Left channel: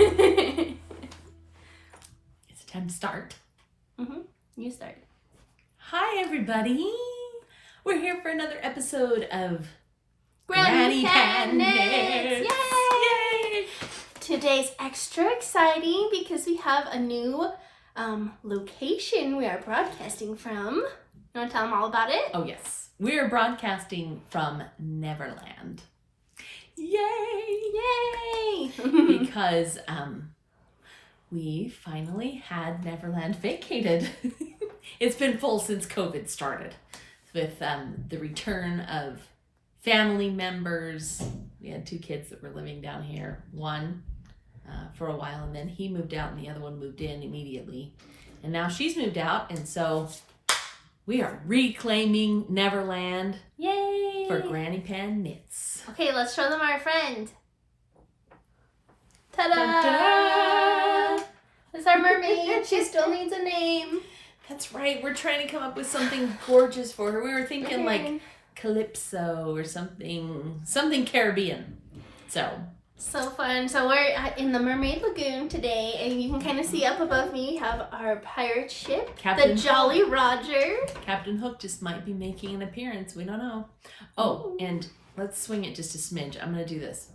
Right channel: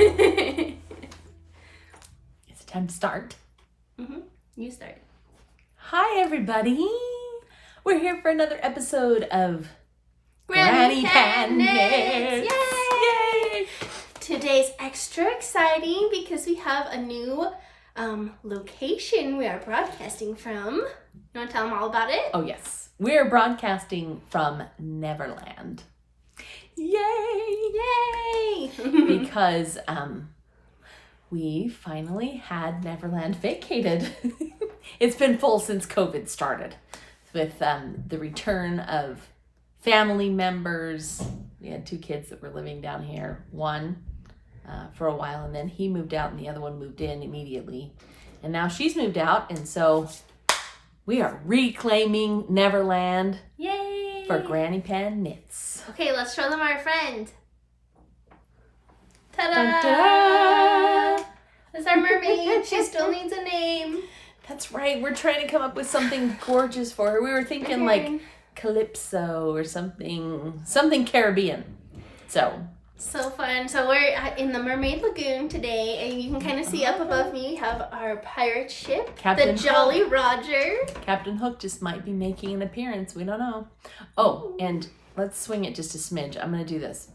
It's time to start. You start. Hi, everybody. We're here for another episode of Granny Pan Knits! Knits. Yay! Today's extra exciting because we have a new location we are broadcasting from. You want to tell them all about it? Oh, yes. We're broadcasting from Neverland. Yay! Yay! Because we finally had Neverland vacated. It's been full since COVID started with the return of family members. We had 2 kids that were living down here. One for a while, and then he moved out and the other one moved in immediately. And now she's moved out, and so we are reclaiming Neverland. Yay! For Granny Pan Knits. Okay, let's show them our friend. Ta-da! Da-da! That's our mermaid. She still needs a name. That's right. We're trying to come up with something gorgeous for her. We were thinking like Calypso or something Caribbean. So fun. So we're in the Mermaid Lagoon today, and you can kind of see up above me, we have our pirate ship, Captain the Jolly Roger. Captain Hook just might be making an appearance. We don't know. Oh, and let's swing it just a smidge. I'm going to do this.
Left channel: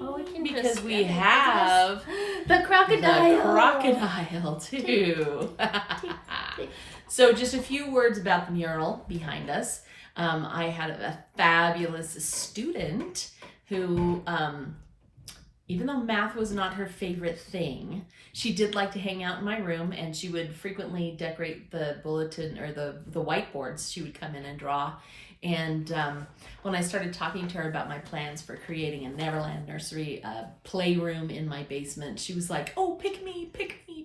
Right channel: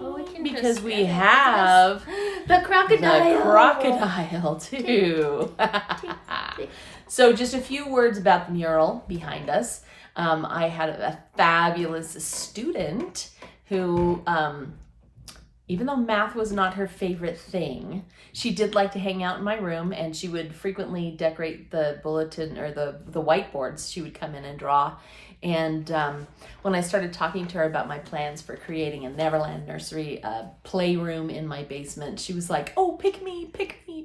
Oh, we can because just we have the crocodile. The crocodile too. So just a few words about the mural behind us. I had a fabulous student who, even though math was not her favorite thing, she did like to hang out in my room, and she would frequently decorate the bulletin or the whiteboards. She would come in and draw. And when I started talking to her about my plans for creating a Neverland nursery playroom in my basement, she was like, "Oh, pick me,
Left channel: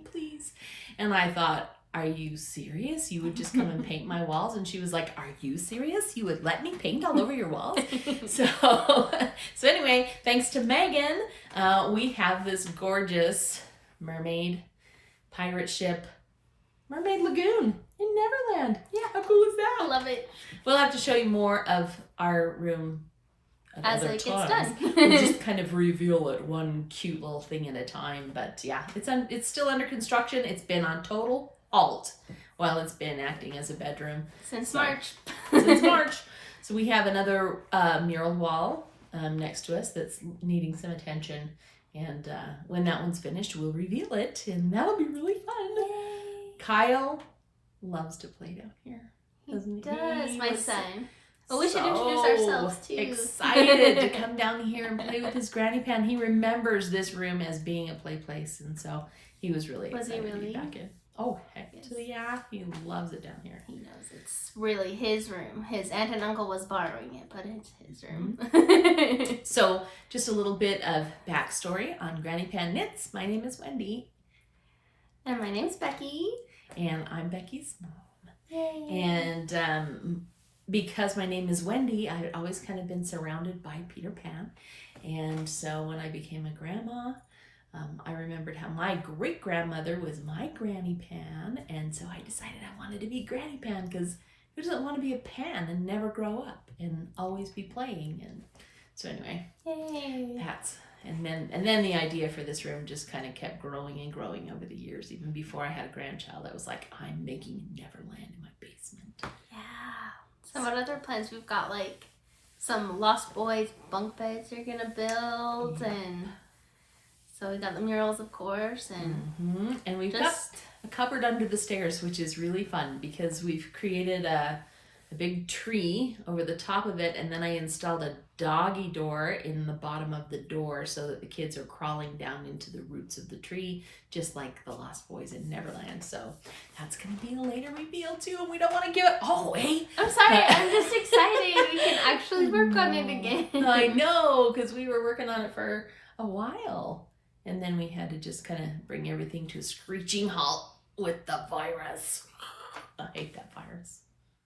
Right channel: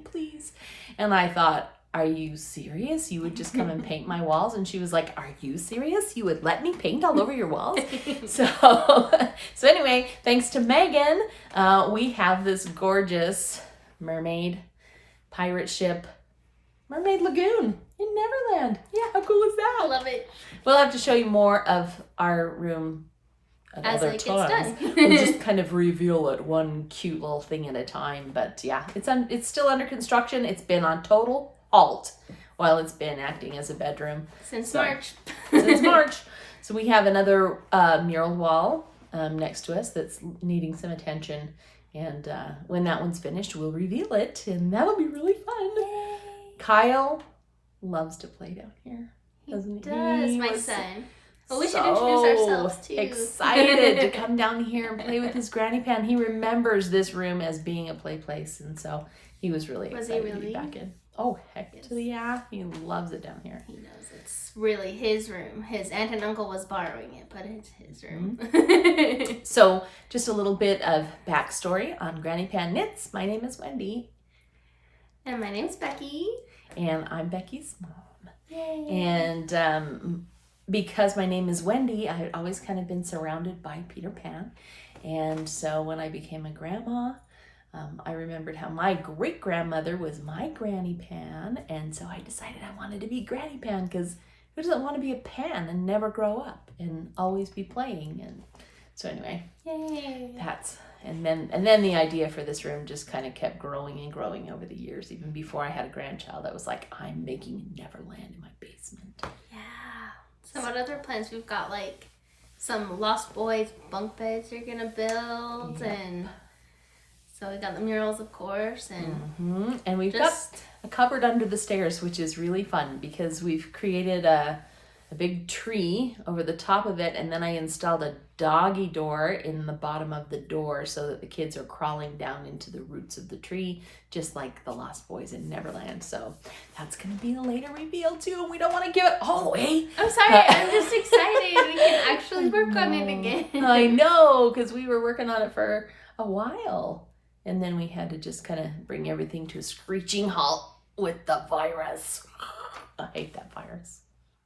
please." And I thought, "Are you serious? You would just come and paint my walls?" And she was like, "Are you serious? You would let me paint all over your walls?" So anyway, thanks to Megan, we have this gorgeous mermaid pirate ship, Mermaid Lagoon in Neverland. Yeah, how cool is that? I love it. We'll have to show you more of our room as it gets done. We'll just kind of reveal it one cute little thing at a time. But yeah, it's still under construction. It's been on total halt while it's been acting as a bedroom since March. Since March. So we have another mural wall next to us that's needing some attention. And when that one's finished, we'll reveal it, and that'll be really fun. Yay. Kyle loves to play down here. He does, my son. Well, we should so introduce ourselves too. Excited to come down here and play with his Granny Pan. He remembers this room as being a play place, and so he was really excited to be back in. Oh, heck yeah. He loves it down here. He knows it's really his room. His aunt and uncle was borrowing it, but it's his room. So, just a little bit of backstory on Granny Pan Knits. My name is Wendy. And my name's Becky. And I'm Becky's mom. Yay. And because my name is Wendy, I had always kind of been surrounded by Peter Pan. And so when I became a grandma, I remembered how my great-grandmother was my Granny Pan. And so I decided I wanted to be Granny Pan, because who doesn't want to be a pan and never grow up and always be playing? And so anyway, yay. And then the idea for this room just kind of kept growing and growing over the years. Even before I had a grandchild, I was like, I'm making Neverland in my basement. Yeah. So what other plans? We've got like some Lost Boys bunk beds you're gonna build, and so we got the murals, of course, and and we've got a cupboard under the stairs, which is really fun because we've created a big tree over the top of it, and then I installed a doggy door in the bottom of the door so that the kids are crawling down into the roots of the tree, just like the Lost Boys in Neverland. So that's going to be a later reveal too, and we don't want to give it all away. I'm sorry, I'm just excited. We can actually work on it again. I know, because we were working on it for a while, and then we had to just kind of bring everything to a screeching halt with the virus. I hate that virus.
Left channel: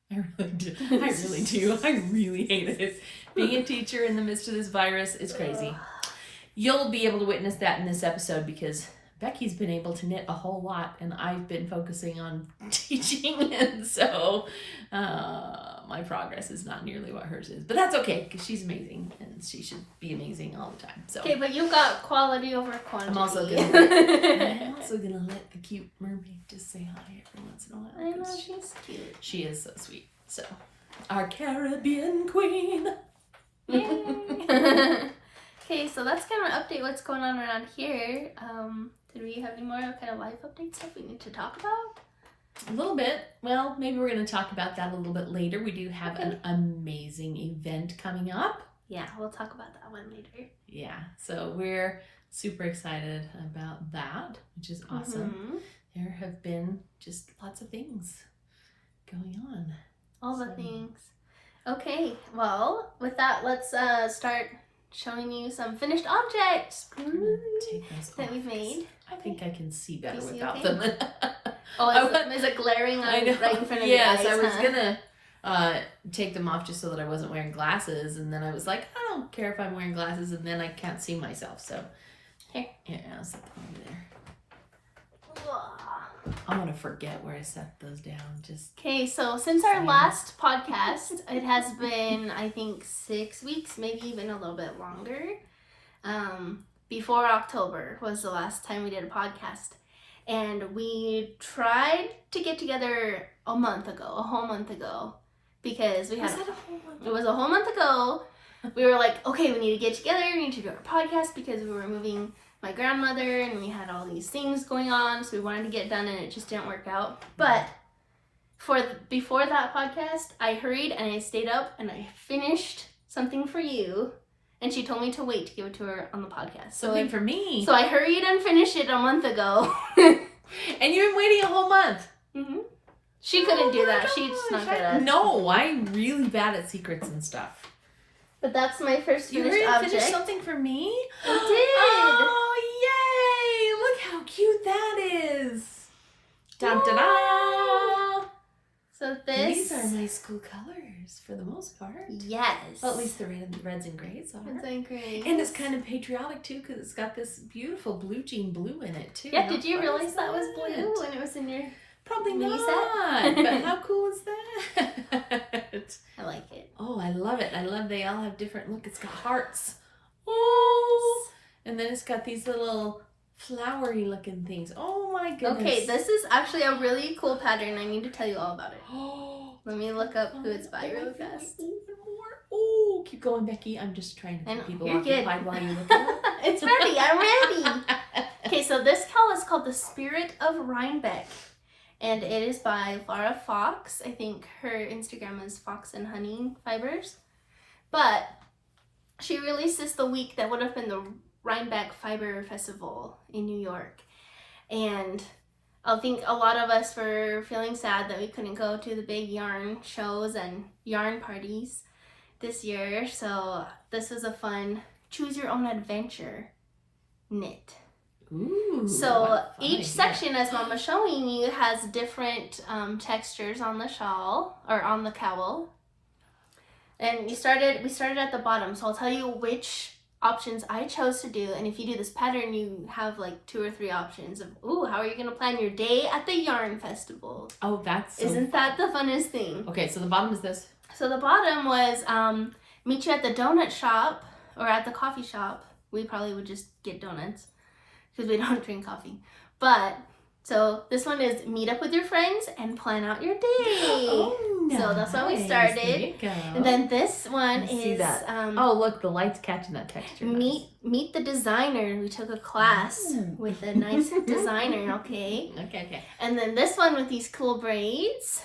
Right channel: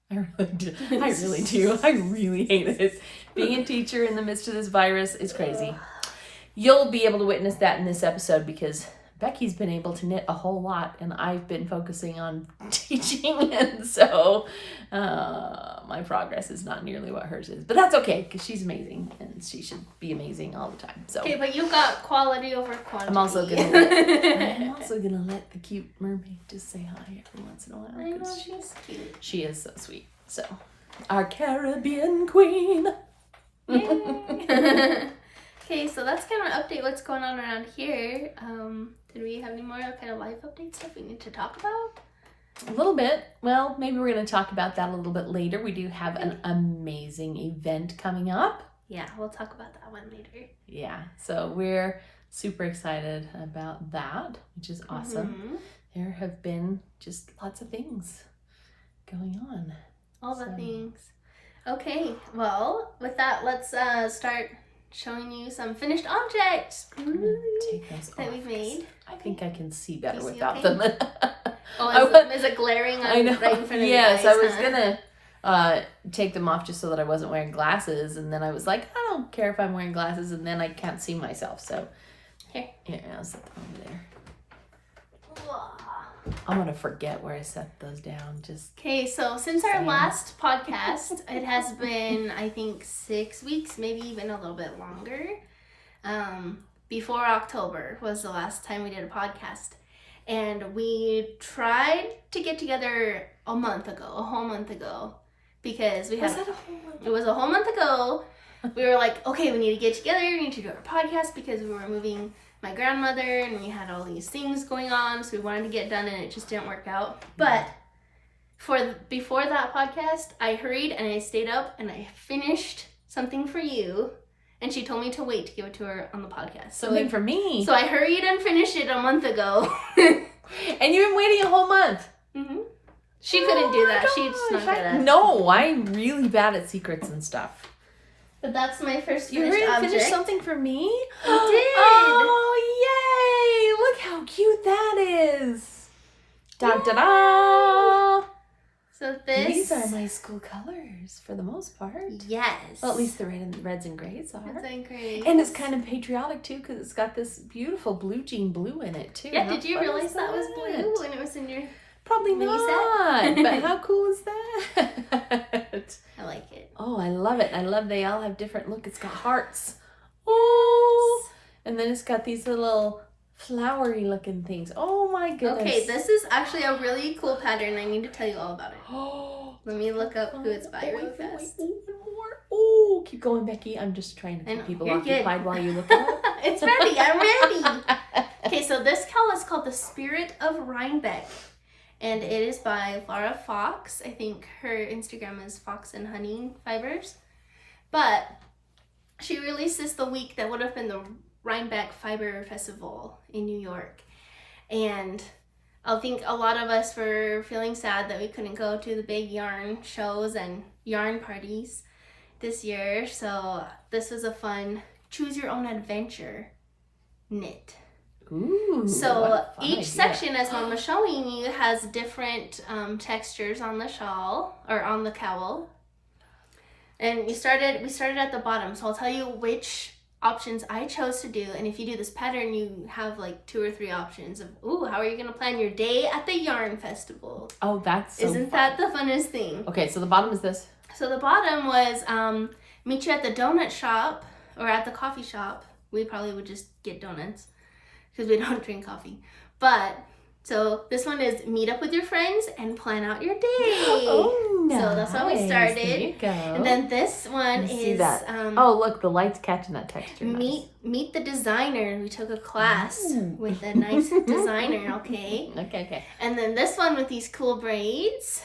I really do. I really hate it. Being a teacher in the midst of this virus is crazy. You'll be able to witness that in this episode because Becky's been able to knit a whole lot, and I've been focusing on teaching, and so my progress is not nearly what hers is. But that's okay, because she's amazing, and she should be amazing all the time. So okay, but you got quality over quantity. I'm also gonna let the cute mermaid just say hi every once in a while. I know, she's cute. She is so sweet. So, our Caribbean queen. Yay. Okay, so that's kind of update what's going on around here. Did we have any more kind of life update stuff we need to talk about? A little bit. Well, maybe we're going to talk about that a little bit later. We do have an amazing event coming up. Yeah, we'll talk about that one later. Yeah, so we're super excited about that, which is awesome. There have been just lots of things going on. All the things. Okay, well, with that, let's start showing you some finished objects that we've made. I think I can see better see without okay? them. Oh, is it glaring on right in front of your eyes? Yes, I was gonna take them off just so that I wasn't wearing glasses, and then I was like, I don't care if I'm wearing glasses, and then I can't see myself. So here, I'll set them over there. I'm gonna forget where I set those down. Okay, so since our last podcast, it has been, I think, 6 weeks, maybe even a little bit longer. Before October was the last time we did a podcast. And we tried to get together a whole month ago, because we had, it was a whole month ago. We were like, okay, we need to get together, we need to do our podcast, because we were moving my grandmother and we had all these things going on, so we wanted to get done and it just didn't work out. But before that podcast, I hurried and I stayed up and I finished something for you, and she told me to wait to give it to her on the podcast. Something for me. So I hurried and finished it a month ago. And you've been waiting a whole month. She couldn't do that. She's not good at it. No, I'm really bad at secrets and stuff. But that's my first You finished object. finished something for me? I did. Oh, yay! Look how cute that is. Da da da. So this. These are my school colors for the most part. Yes. Well, at least the reds and grays are. Reds and grays. And it's kind of patriotic too, because it's got this beautiful blue jean blue in it too. Yeah. Did you realize that was blue when it was in your? Probably mini not. set? But how cool is that? I like it. Oh, I love it. I love they all have different look. It's got hearts. Oh, and then it's got these little flowery looking things. Oh my goodness. Okay, this is actually a really cool pattern. I need to tell you all about it. Let me look up who it's by really fast. Oh, keep going, Becky. I'm just trying to keep people occupied while you look it up. It's ready. I'm ready. Okay, so this cowl is called the Spirit of RHINEBECK. And it is by Laura Fox. I think her Instagram is Fox and Honey Fibers. But she released this the week that would have been the RHINEBECK Fiber Festival in New York. And I think a lot of us were feeling sad that we couldn't go to the big yarn shows and yarn parties this year. So this was a fun choose your own adventure knit. Ooh, so each section, as Mom was showing you, has different textures on the shawl or on the cowl. And we started at the bottom, so I'll tell you which options I chose to do. And if you do this pattern, you have like 2 or 3 options of, ooh, how are you gonna plan your day at the yarn festival? Oh, that's isn't that the funnest thing? Okay, so the bottom is this. So the bottom was meet you at the donut shop or at the coffee shop. We probably would just get donuts, because we don't drink coffee. But, so this one is meet up with your friends and plan out your day. Oh, nice. So that's how we started. There you go. And then this one is... oh, look, the light's catching that texture. Meet the designer. We took a class with a nice designer, okay? Okay. And then this one with these cool braids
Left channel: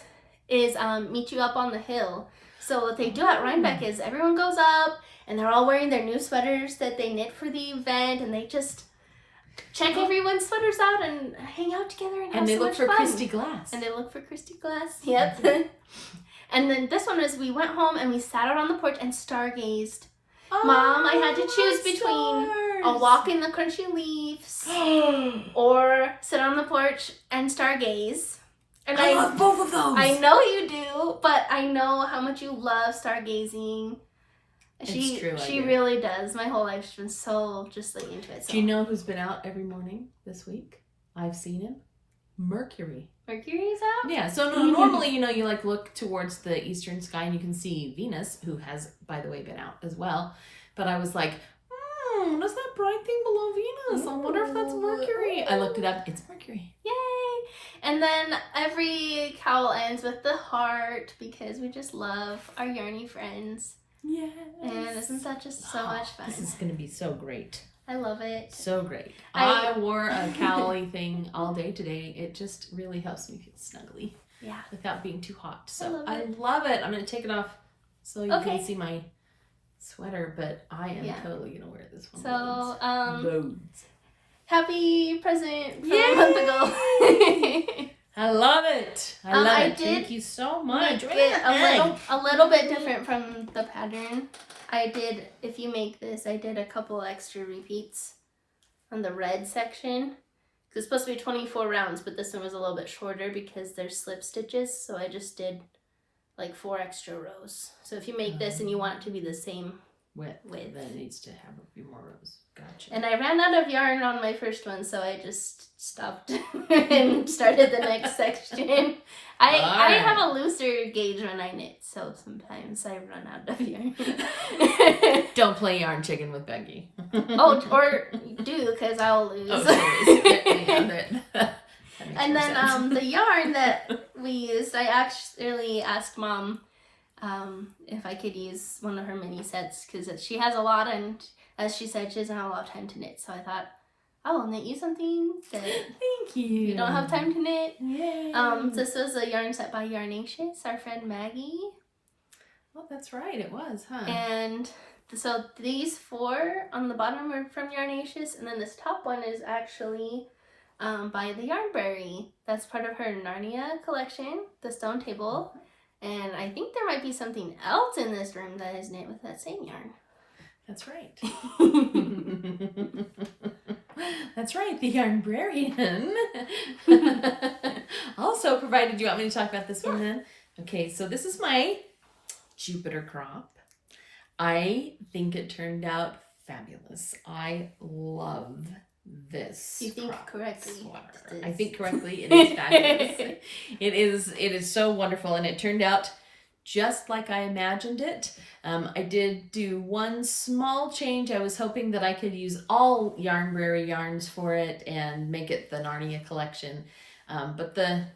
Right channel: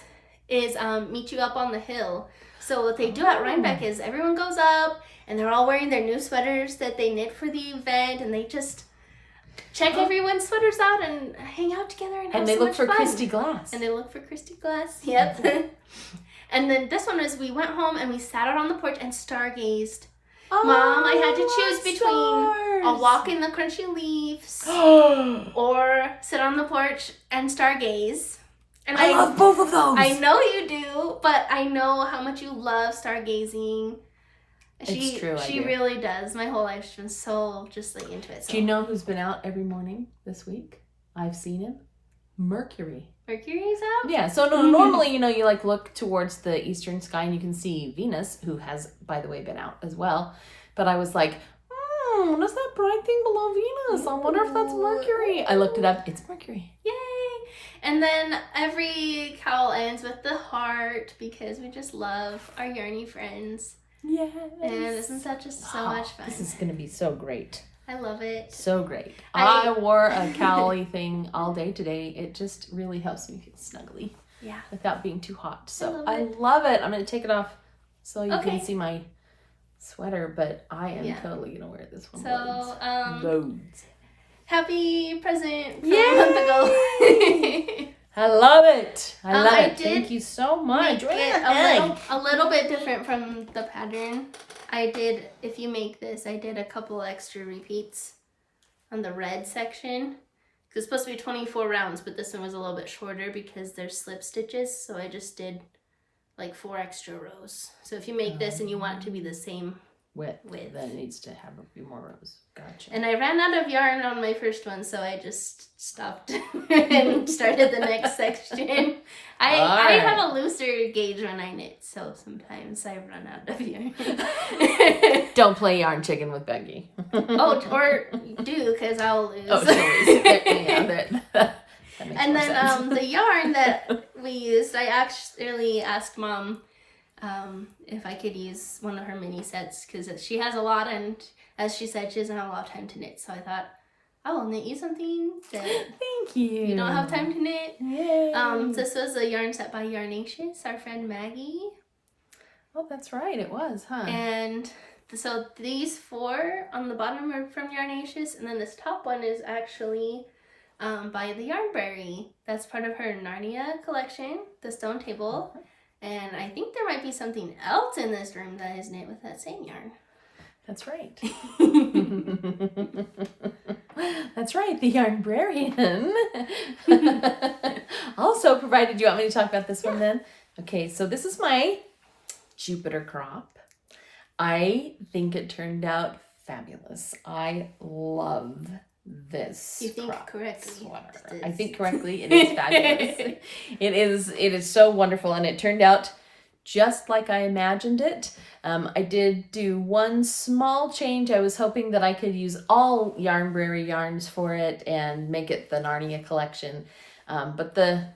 is meet you up on the hill. So what they do at RHINEBECK is everyone goes up and they're all wearing their new sweaters that they knit for the event, and they just check everyone's sweaters out and hang out together and have so much fun. And they look for Christy Glass. And they look for Christy Glass. Yep. And then this one is we went home and we sat out on the porch and stargazed. Oh, Mom, I had to choose between a walk in the crunchy leaves or sit on the porch and stargaze. And I love both of those. I know you do, but I know how much you love stargazing. It's true. She really does. My whole life's been so just like into it. So. Do you know who's been out every morning this week? I've seen him. Mercury. Mercury's out? Yeah, so normally, you know, you like look towards the eastern sky and you can see Venus, who has, by the way, been out as well. But I was like, what is that bright thing below Venus? I wonder if that's Mercury. I looked it up. It's Mercury. Yay! And then every cowl ends with the heart because we just love our yarny friends. Yes. And isn't that just so much fun? This is going to be so great. I love it. So great. I wore a cowl thing all day today. It just really helps me feel snuggly. Yeah. Without being too hot. So I love it. I'm going to take it off so you can see my sweater, but I am totally going to wear this one. So, loads. Happy present from a month ago. I love it. I love it. Thank you so much. Make it a little bit different from the pattern. If you make this, I did a couple extra repeats on the red section. It's supposed to be 24 rounds, but this one was a little bit shorter because there's slip stitches. So I just did like 4 extra rows. So if you make this and you want it to be the same width, then it needs to have a few more rows. Gotcha. And I ran out of yarn on my first one, so I just stopped and started the next section. I have a looser gauge when I knit, so sometimes I run out of yarn. Don't play yarn chicken with Becky. Or do, because I'll lose. And then the yarn that we used, I actually asked Mom if I could use one of her mini sets because she has a lot, and as she said, she doesn't have a lot of time to knit. So I thought, I will knit you something that thank you don't have time to knit. Yay. This was a yarn set by Yarnacious, our friend Maggie. Oh, that's right, it was, huh? And so these 4 on the bottom are from Yarnacious, and then this top one is actually by the Yarnberry. That's part of her Narnia collection, the stone table. And I think there might be something else in this room that is knit with that same yarn. That's right. That's right, the Yarnbrarian. Also provided, you want me to talk about this one then? Okay, so this is my Jupiter crop. I think it turned out fabulous. I love this. You think correctly. Sweater. I think correctly. It is fabulous. It is so wonderful, and it turned out just like I imagined it. I did do one small change. I was hoping that I could use all Yarnberry yarns for it and make it the Narnia collection, but the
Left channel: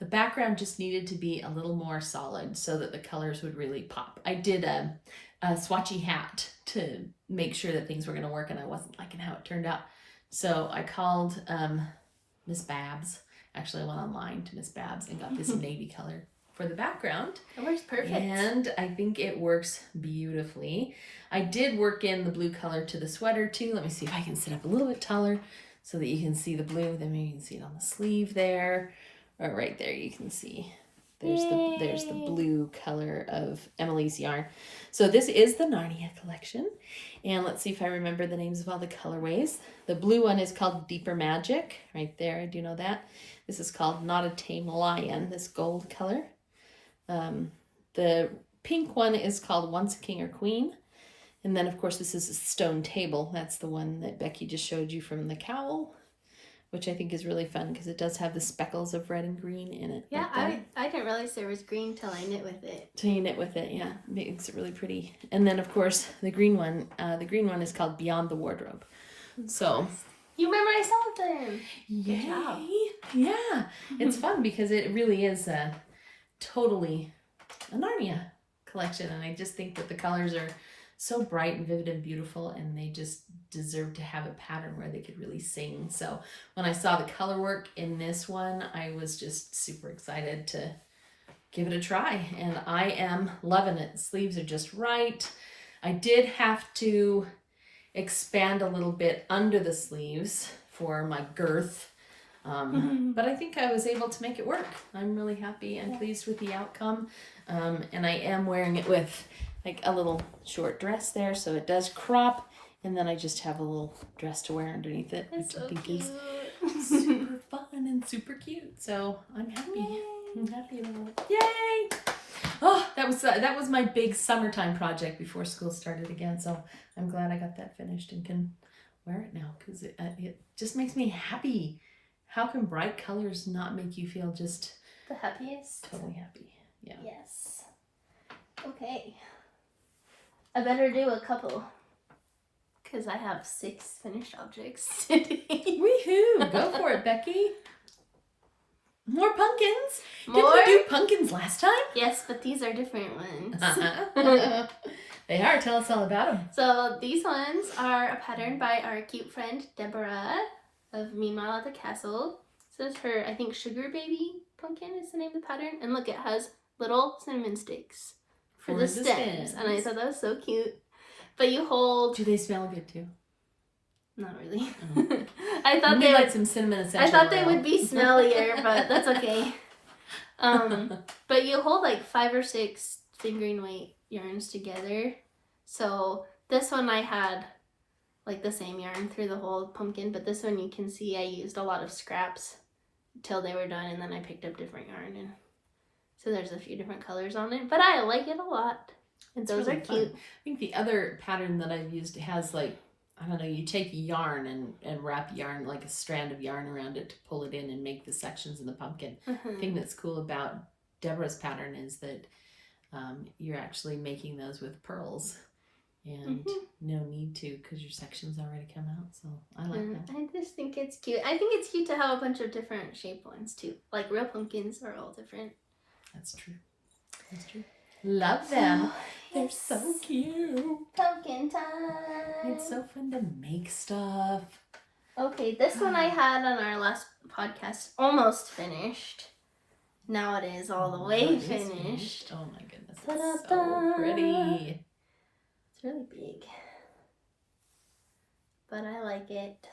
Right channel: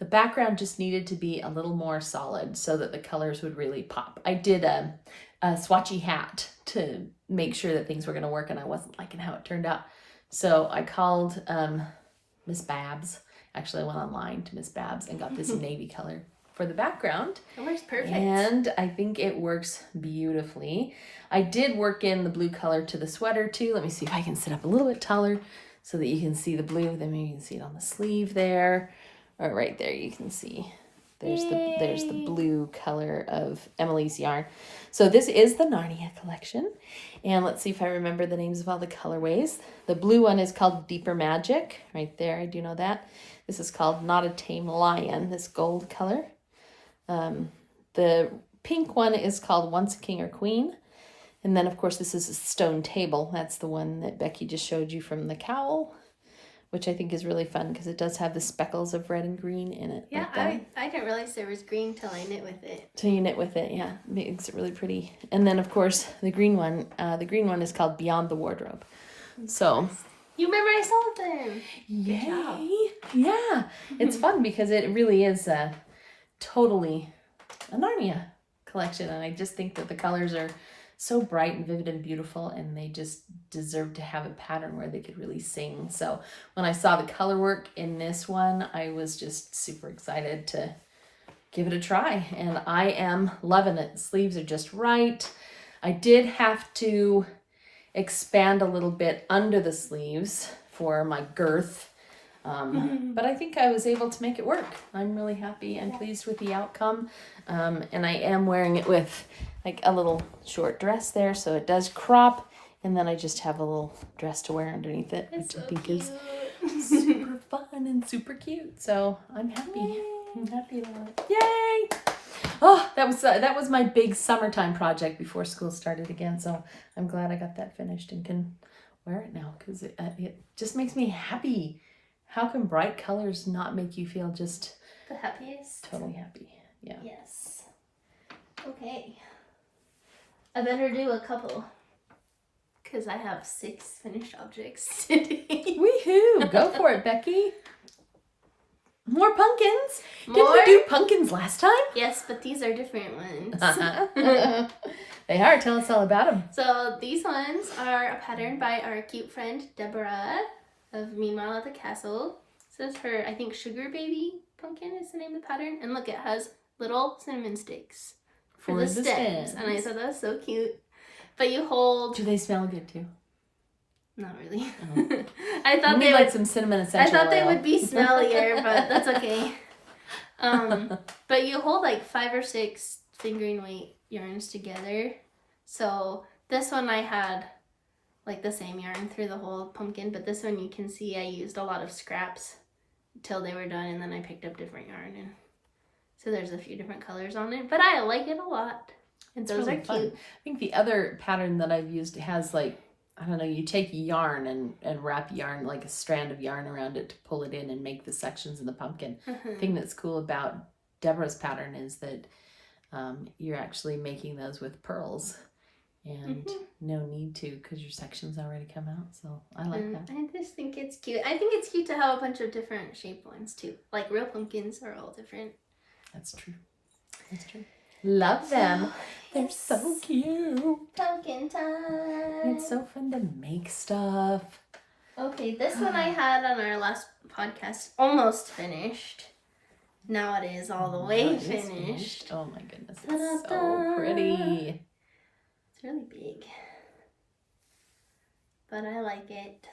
background just needed to be a little more solid so that the colors would really pop. I did a swatchy hat to make sure that things were going to work, and I wasn't liking how it turned out. So I called Miss Babs. Actually, I went online to Miss Babs and got this navy color for the background. It works perfect. And I think it works beautifully. I did work in the blue color to the sweater too. Let me see if I can sit up a little bit taller so that you can see the blue. Then maybe you can see it on the sleeve there. Or right there you can see. There's the blue color of Emily's yarn. So this is the Narnia collection. And let's see if I remember the names of all the colorways. The blue one is called Deeper Magic. Right there, I do know that. This is called Not a Tame Lion, this gold color. The pink one is called Once a King or Queen. And then, of course, this is a stone table. That's the one that Becky just showed you from the cowl, which I think is really fun because it does have the speckles of red and green in it. Yeah, I didn't realize there was green till I knit with it. Till you knit with it, yeah. It makes it really pretty. And then, of course, the green one is called Beyond the Wardrobe. So you memorized all of them. Good job. Yeah. It's fun because it really is totally a Narnia collection. And I just think that the colors are so bright and vivid and beautiful, and they just deserve to have a pattern where they could really sing. So when I saw the color work in this one, I was just super excited to give it a try, and I am loving it. Sleeves are just right. I did have to expand a little bit under the sleeves for my girth, but I think I was able to make it work. I'm really happy and pleased with the outcome, and I am wearing it with like a little short dress there, so it does crop, and then I just have a little dress to wear underneath it, which I think is super fun and super cute. So I'm happy. Yay. I'm happy about it. Yay! Oh, that was my big summertime project before school started again. So I'm glad I got that finished and can wear it now because it just makes me happy. How can bright colors not make you feel just the happiest? Totally happy. Yeah. Yes. Okay. I better do a couple because I have 6 finished objects today. Woohoo! Go for it, Becky. More pumpkins. More? Did we do pumpkins last time? Yes, but these are different ones. They are. Tell us all about them. So these ones are a pattern by our cute friend Deborah of Meanwhile at the Castle. This is her, I think, Sugar Baby pumpkin is the name of the pattern. And look, it has little cinnamon sticks for the stems. And I thought that was so cute. But you hold... Do they smell good too? Not really. Oh. I thought they like some cinnamon essential oil. they would be smellier, but that's okay. But you hold like 5 or 6 fingering weight yarns together. So this one I had like the same yarn through the whole pumpkin, but this one you can see I used a lot of scraps till they were done, and then I picked up different yarn, and so there's a few different colors on it, but I like it a lot. And those really are cute. Fun. I think the other pattern that I've used has like, I don't know, you take yarn and wrap yarn, like a strand of yarn around it to pull it in and make the sections in the pumpkin. The thing that's cool about Deborah's pattern is that you're actually making those with pearls and no need to because your sections already come out. So I like that. I just think it's cute. I think it's cute to have a bunch of different shaped ones too. Like real pumpkins are all different. That's true. That's true. Love them. They're so cute. Pumpkin time. It's so fun to make stuff. Okay, this one I had on our last podcast almost finished. Now it is all the way finished. Oh my goodness, it's so pretty. It's really big. But I like it.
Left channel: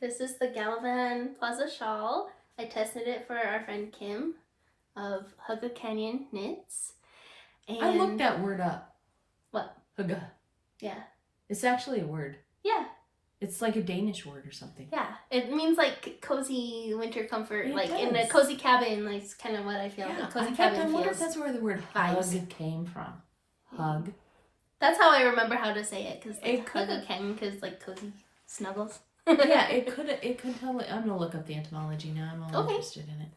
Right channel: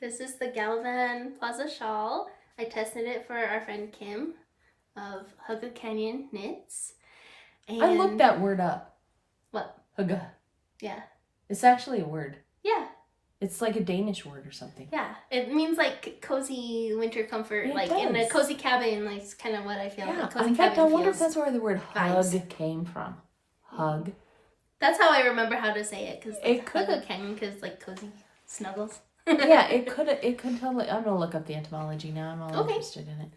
This is the GALLIVAN PLAZA shawl. I tested it for our friend Kim of HYGGE Canyon Knits. And I looked that word up. What? HYGGE. Yeah. It's actually a word. Yeah. It's like a Danish word or something. Yeah. It means like cozy winter comfort, like in a cozy cabin, like it's kind of what I feel like cozy cabin I wonder if that's where the word hug came from. Hug. That's how I remember how to say it, because like HYGGE Canyon, because like cozy snuggles. Yeah, it could totally. I'm gonna look up the etymology now. I'm all interested in it.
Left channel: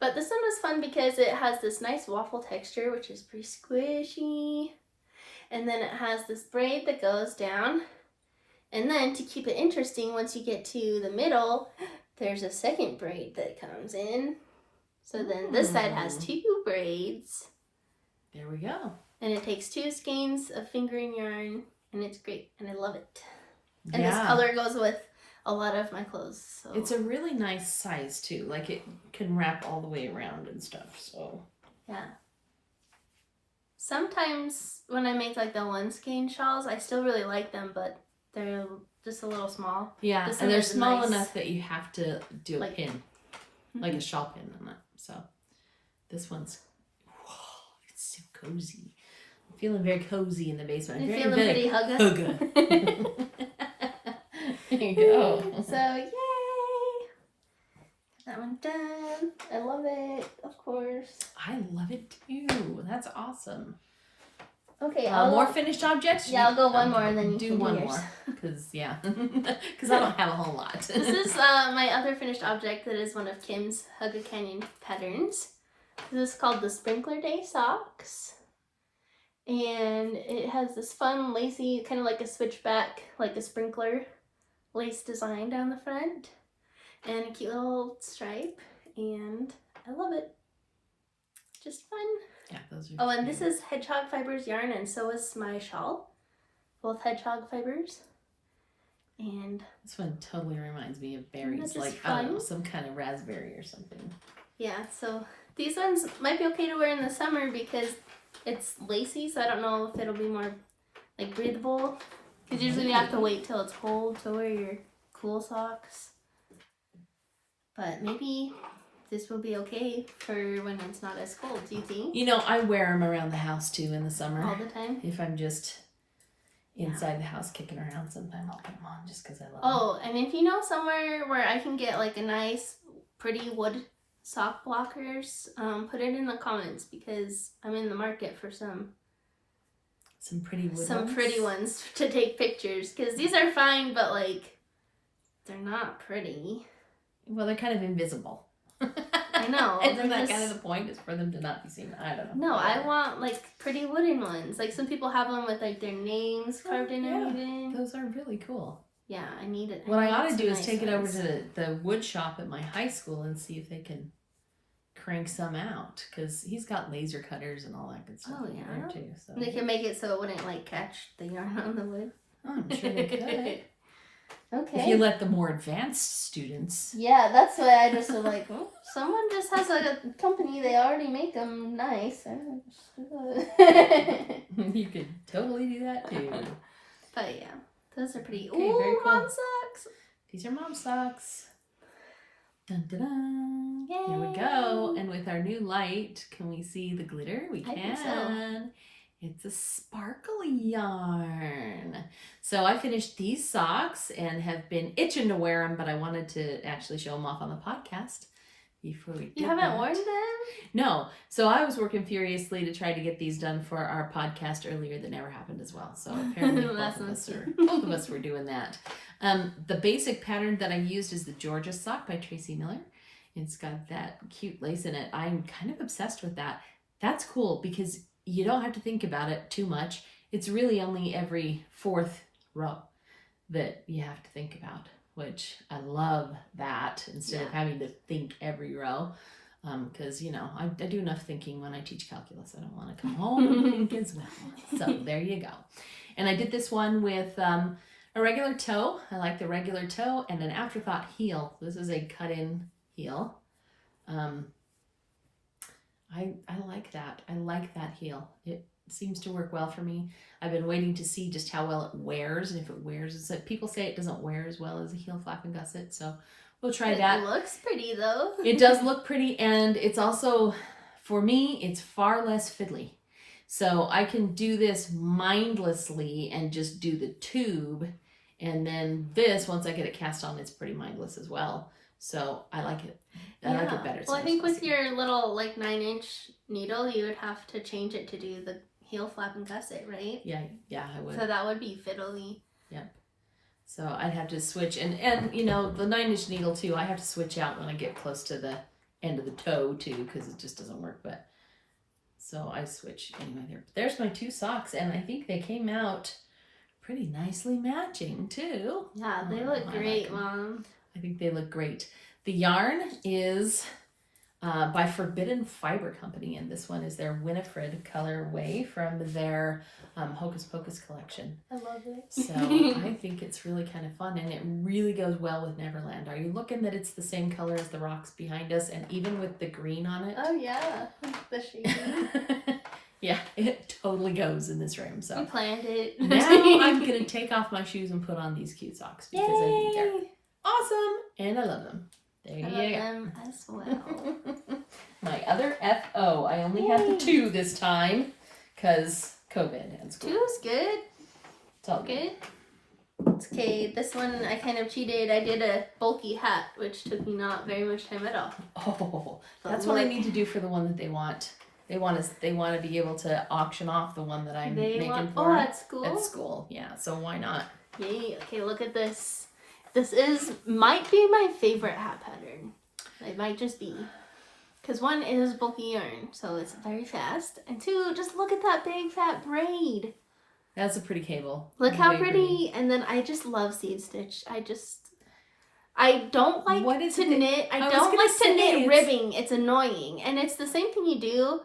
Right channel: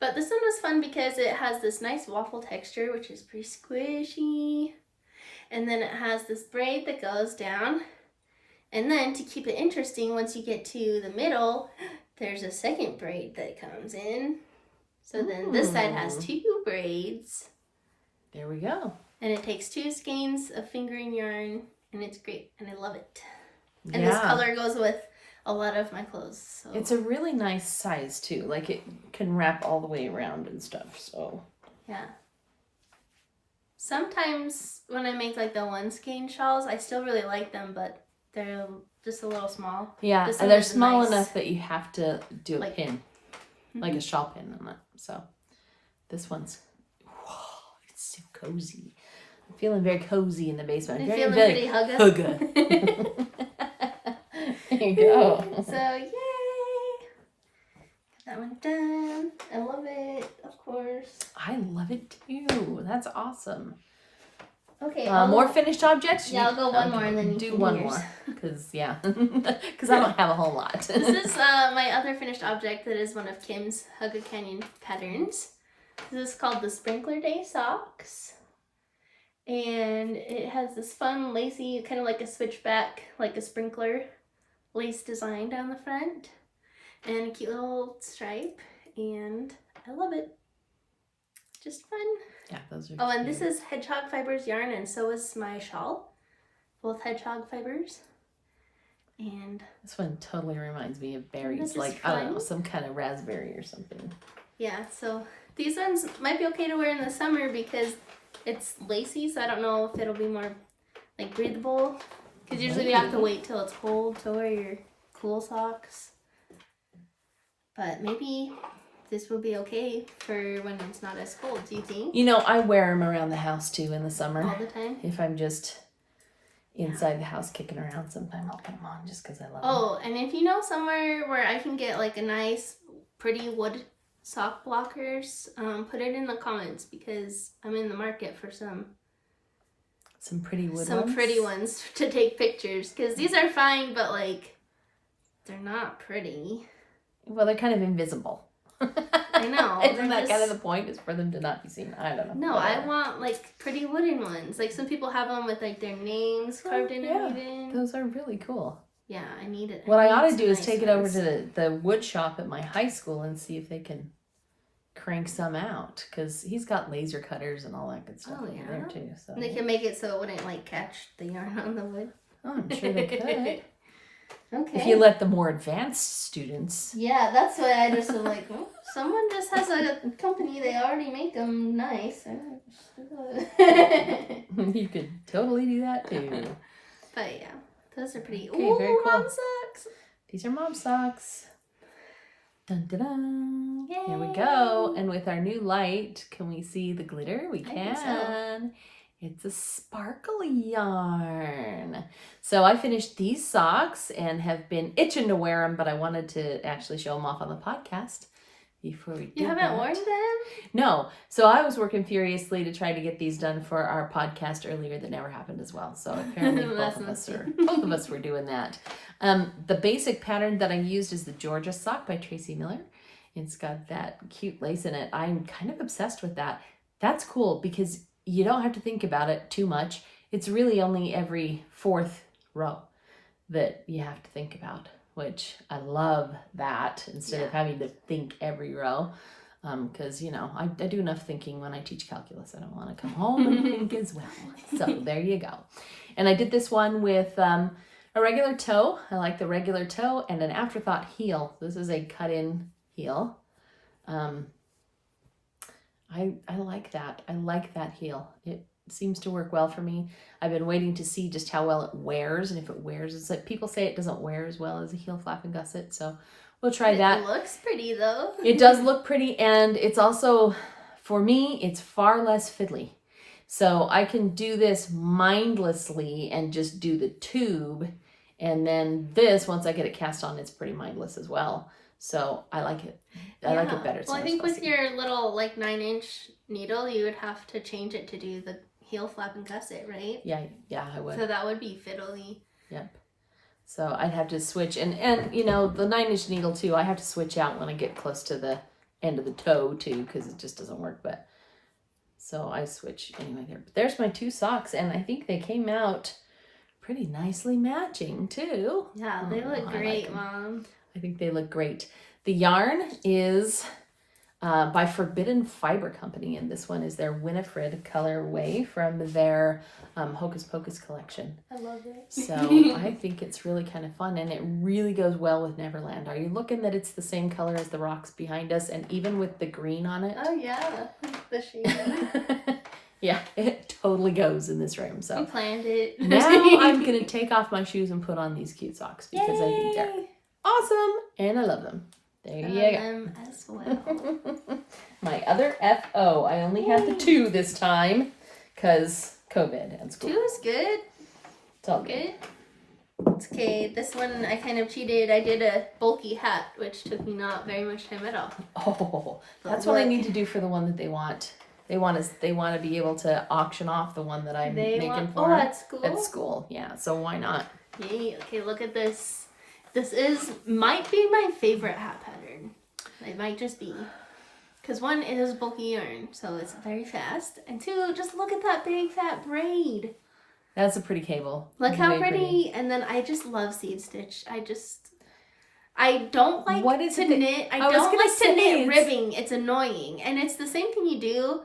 But this one was fun because it has this nice waffle texture, which is pretty squishy. And then it has this braid that goes down. And then to keep it interesting, once you get to the middle, there's a second braid that comes in. So then this side has 2 braids. There we go. And it takes 2 skeins of fingering yarn, and it's great, and I love it. And this color goes with a lot of my clothes. So it's a really nice size too. Like it can wrap all the way around and stuff. So yeah. Sometimes when I make like the 1 skein shawls, I still really like them, but they're just a little small. Yeah, and they're small enough that you have to do a pin, like a shawl pin on it. So this one's, it's so cozy. I'm feeling very cozy in the basement. I'm feeling pretty hugga. There you go. So yay! Got that one done. I love it, of course. I love it too. That's awesome. Okay, more finished objects? Yeah, I'll go one more and then you do can one do yours. more. Because I don't have a whole lot. This is my other finished object that is one of Kim's HYGGE Canyon patterns. This is called the Sprinkler Day Socks. And it has this fun, lacy, kind of like a switchback, like a sprinkler lace design down the front. And a cute little stripe. And I love it. Just fun. Yeah, those are Oh, and this is hedgehog fibers yarn, and so is my shawl. Both hedgehog fibers. And this one totally reminds me of berries, like I don't know, some kind of raspberry or something. Yeah, so these ones might be okay to wear in the summer because it's lacy, so I don't know if it'll be more like breathable. Because usually we have to wait till it's cold to wear your cool socks. But maybe this will be okay for when it's not as cold, do you think? You know, I wear them around the house too in the summer. All the time? If I'm just inside the house kicking around, sometimes I'll put them on just because I love them. Oh, and if you know somewhere where I can get like a nice, pretty wood sock blockers, put it in the comments because I'm in the market for some pretty ones to take pictures, because these are fine, but like they're not pretty. Well, they're kind of invisible. I know. Isn't that kind of the point? Is for them to not be seen? I don't know. No, I want like pretty wooden ones. Like some people have them with like their names carved in or even. Those are really cool. Yeah, I need it. What I ought to do is take it over to the wood shop at my high school and see if they can crank some out, because he's got laser cutters and all that good stuff in there too. So they can make it so it wouldn't like catch the yarn on the wood. Oh, I'm sure they could. Okay. If you let the more advanced students. Yeah, that's why I just was like, oh, someone just has a company. They already make them nice. You could totally do that too. But yeah, those are pretty. Okay, ooh, very cool. mom socks. These are mom socks. Dun, dun, dun. Yay. Here we go. And with our new light, can we see the glitter? We can. I think so. It's a sparkly yarn. So I finished these socks and have been itching to wear them, but I wanted to actually show them off on the podcast before we did You haven't that. worn them? No. So I was working furiously to try to get these done for our podcast earlier. That never happened as well. So apparently both of us were doing that. The basic pattern that I used is the Georgia sock by Tracy Miller. It's got that cute lace in it. I'm kind of obsessed with that. That's cool because you don't have to think about it too much. It's really only every fourth row that you have to think about, which I love that instead of having to think every row. Because, you know, I do enough thinking when I teach calculus. I don't want to come home and think as well. So there you go. And I did this one with a regular toe. I like the regular toe and an afterthought heel. This is a cut-in heel. I like that. I like that heel. It seems to work well for me. I've been waiting to see just how well it wears, and if it wears, it's like people say it doesn't wear as well as a heel flap and gusset, so we'll try that. It looks pretty though. It does look pretty, and it's also, for me, it's far less fiddly. So I can do this mindlessly and just do the tube, and then this, once I get it cast on, it's pretty mindless as well. So I like it. I like it better. Well, I think with your little like 9-inch needle, you would have to change it to do the heel flap and gusset, right? Yeah, I would. So that would be fiddly. Yep. So I'd have to switch, and you know, the 9-inch needle too, I have to switch out when I get close to the end of the toe too, because it just doesn't work. But so I switch anyway there. But there's my two socks, and I think they came out pretty nicely matching too. Yeah, they look great, Mom. I think they look great. The yarn is by Forbidden Fiber Company, and this one is their Winifred colorway from their Hocus Pocus collection. I love it. So I think it's really kind of fun, and it really goes well with Neverland. Are you looking that it's the same color as the rocks behind us, and even with the green on it? Oh yeah, the shade. Yeah, it totally goes in this room. So we planned it. now I'm gonna take off my shoes and put on these cute socks because I think they're awesome and I love them. There you go. Them as well. My other FO. I only had the 2 this time because COVID and school. 2 is good. It's all good. It's okay. This one I kind of cheated. I did a bulky hat, which took me not very much time at all. Oh, that's what I need to do for the one that they want. They want to be able to auction off the one that I'm making for them. at school? At school, yeah. So why not? Yay. Okay, look at this. This might be my favorite hat pattern. It might just be. Because 1 is bulky yarn, so it's very fast. And 2, just look at that big fat braid. That's a pretty cable. Look how pretty. And then I just love seed stitch. I don't like to knit. I don't like to knit ribbing. It's annoying. And it's the same thing you do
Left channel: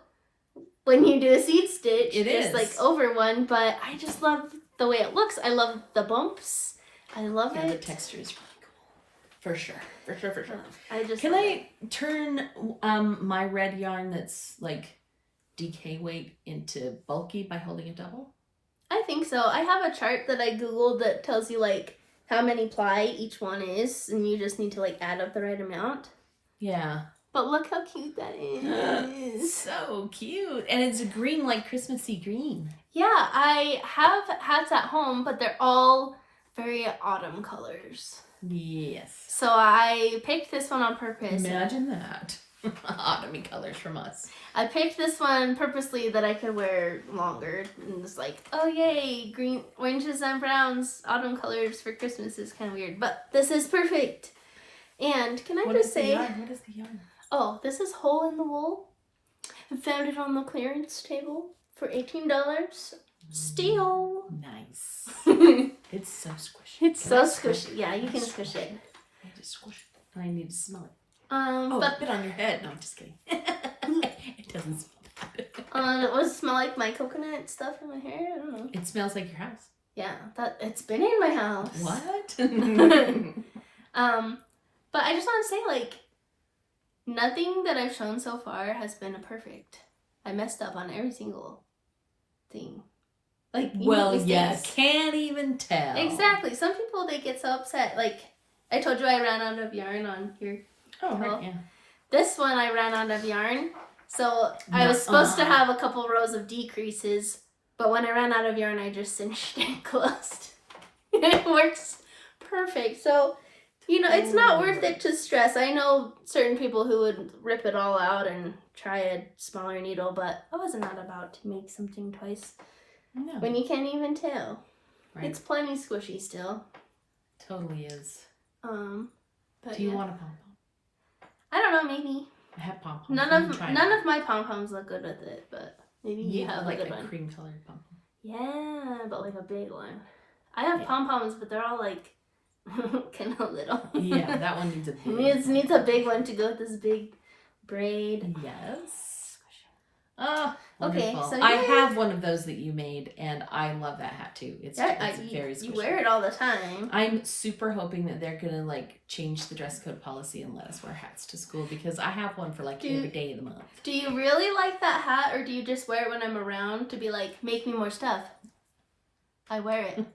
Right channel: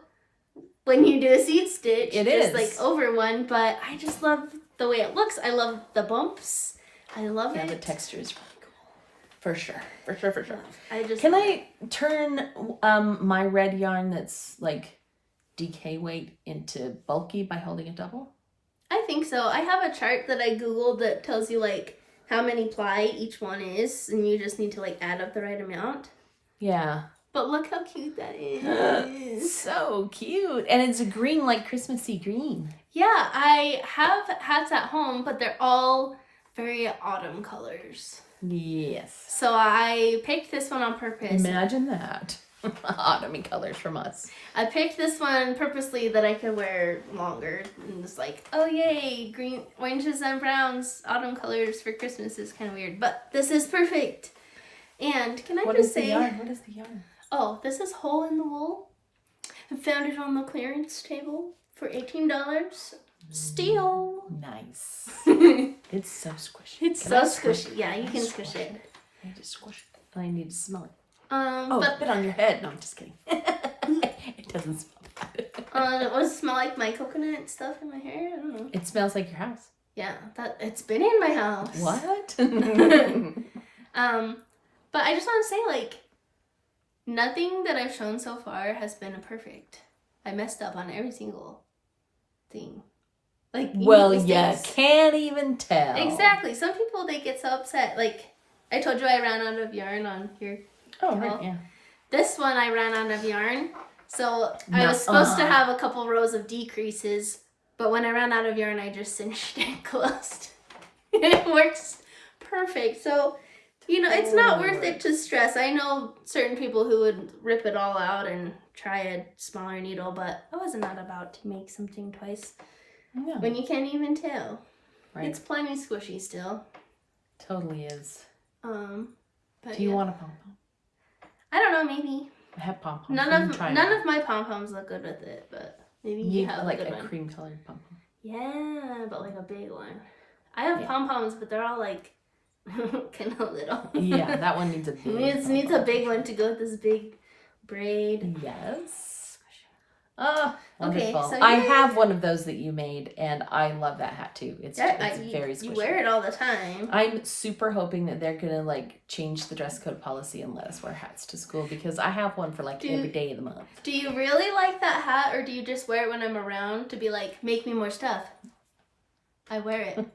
when you do a seed stitch. It is. Just like over one. But I just love the way it looks. I love the bumps. I love it. The texture is really cool. For sure. Can I turn my red yarn that's like DK weight into bulky by holding a double? I think so. I have a chart that I googled that tells you like how many ply each one is, and you just need to like add up the right amount. Yeah. But look how cute that is. So cute. And it's a green, like Christmassy green. Yeah, I have hats at home, but they're all very autumn colors. Yes. So I picked this one on purpose. Imagine that. autumn colors from us. I picked this one purposely that I could wear longer. And it's like, oh yay, green, oranges and browns, autumn colors for Christmas is kind of weird. But this is perfect. And can I just say... What is the yarn? Oh, this is Hole in the Wool. I found it on the clearance table for $18. Steal. Nice. It's so squishy. It's so squishy. Yeah, you can squish it. I just squish it. I need to smell it. But put it on your head. No, I'm just kidding. It doesn't smell bad. it was smell like my coconut stuff in my hair. I don't know. It smells like your house. Yeah, it's been in my house. What? But I just want to say, like, nothing that I've shown so far has been a perfect. I messed up on every single thing. Like, well, yeah, can't even tell. Exactly. Some people, they get so upset. Like, I told you I ran out of yarn on your COWL. Right, yeah. This one I ran out of yarn. So I was supposed to have a couple rows of decreases, but when I ran out of yarn, I just cinched it closed. It works perfect. So, you know, it's not worth it to stress. I know certain people who would rip it all out and try a smaller needle, but I was not about to make something twice. No. When you can't even tell. Right. It's plenty squishy still. Totally is. But do you want a pom-pom? I don't know, maybe. I have pom-poms. None of my pom-poms look good with it, but maybe you have like a good a one. cream colored pom-pom. Yeah, but like a big one. I have pom-poms, but they're all like kind of little. Yeah, that one needs a big needs a big one to go with this big braid. Yes. Oh, okay. wonderful. So I have one of those that you made, and I love that hat too. It's very squishy. You wear it all the time. I'm super hoping that they're gonna like change the dress code policy and let us wear hats to school, because I have one for like every day of the month. Do you really like that hat, or do you just wear it when I'm around to be like, make me more stuff? I wear it.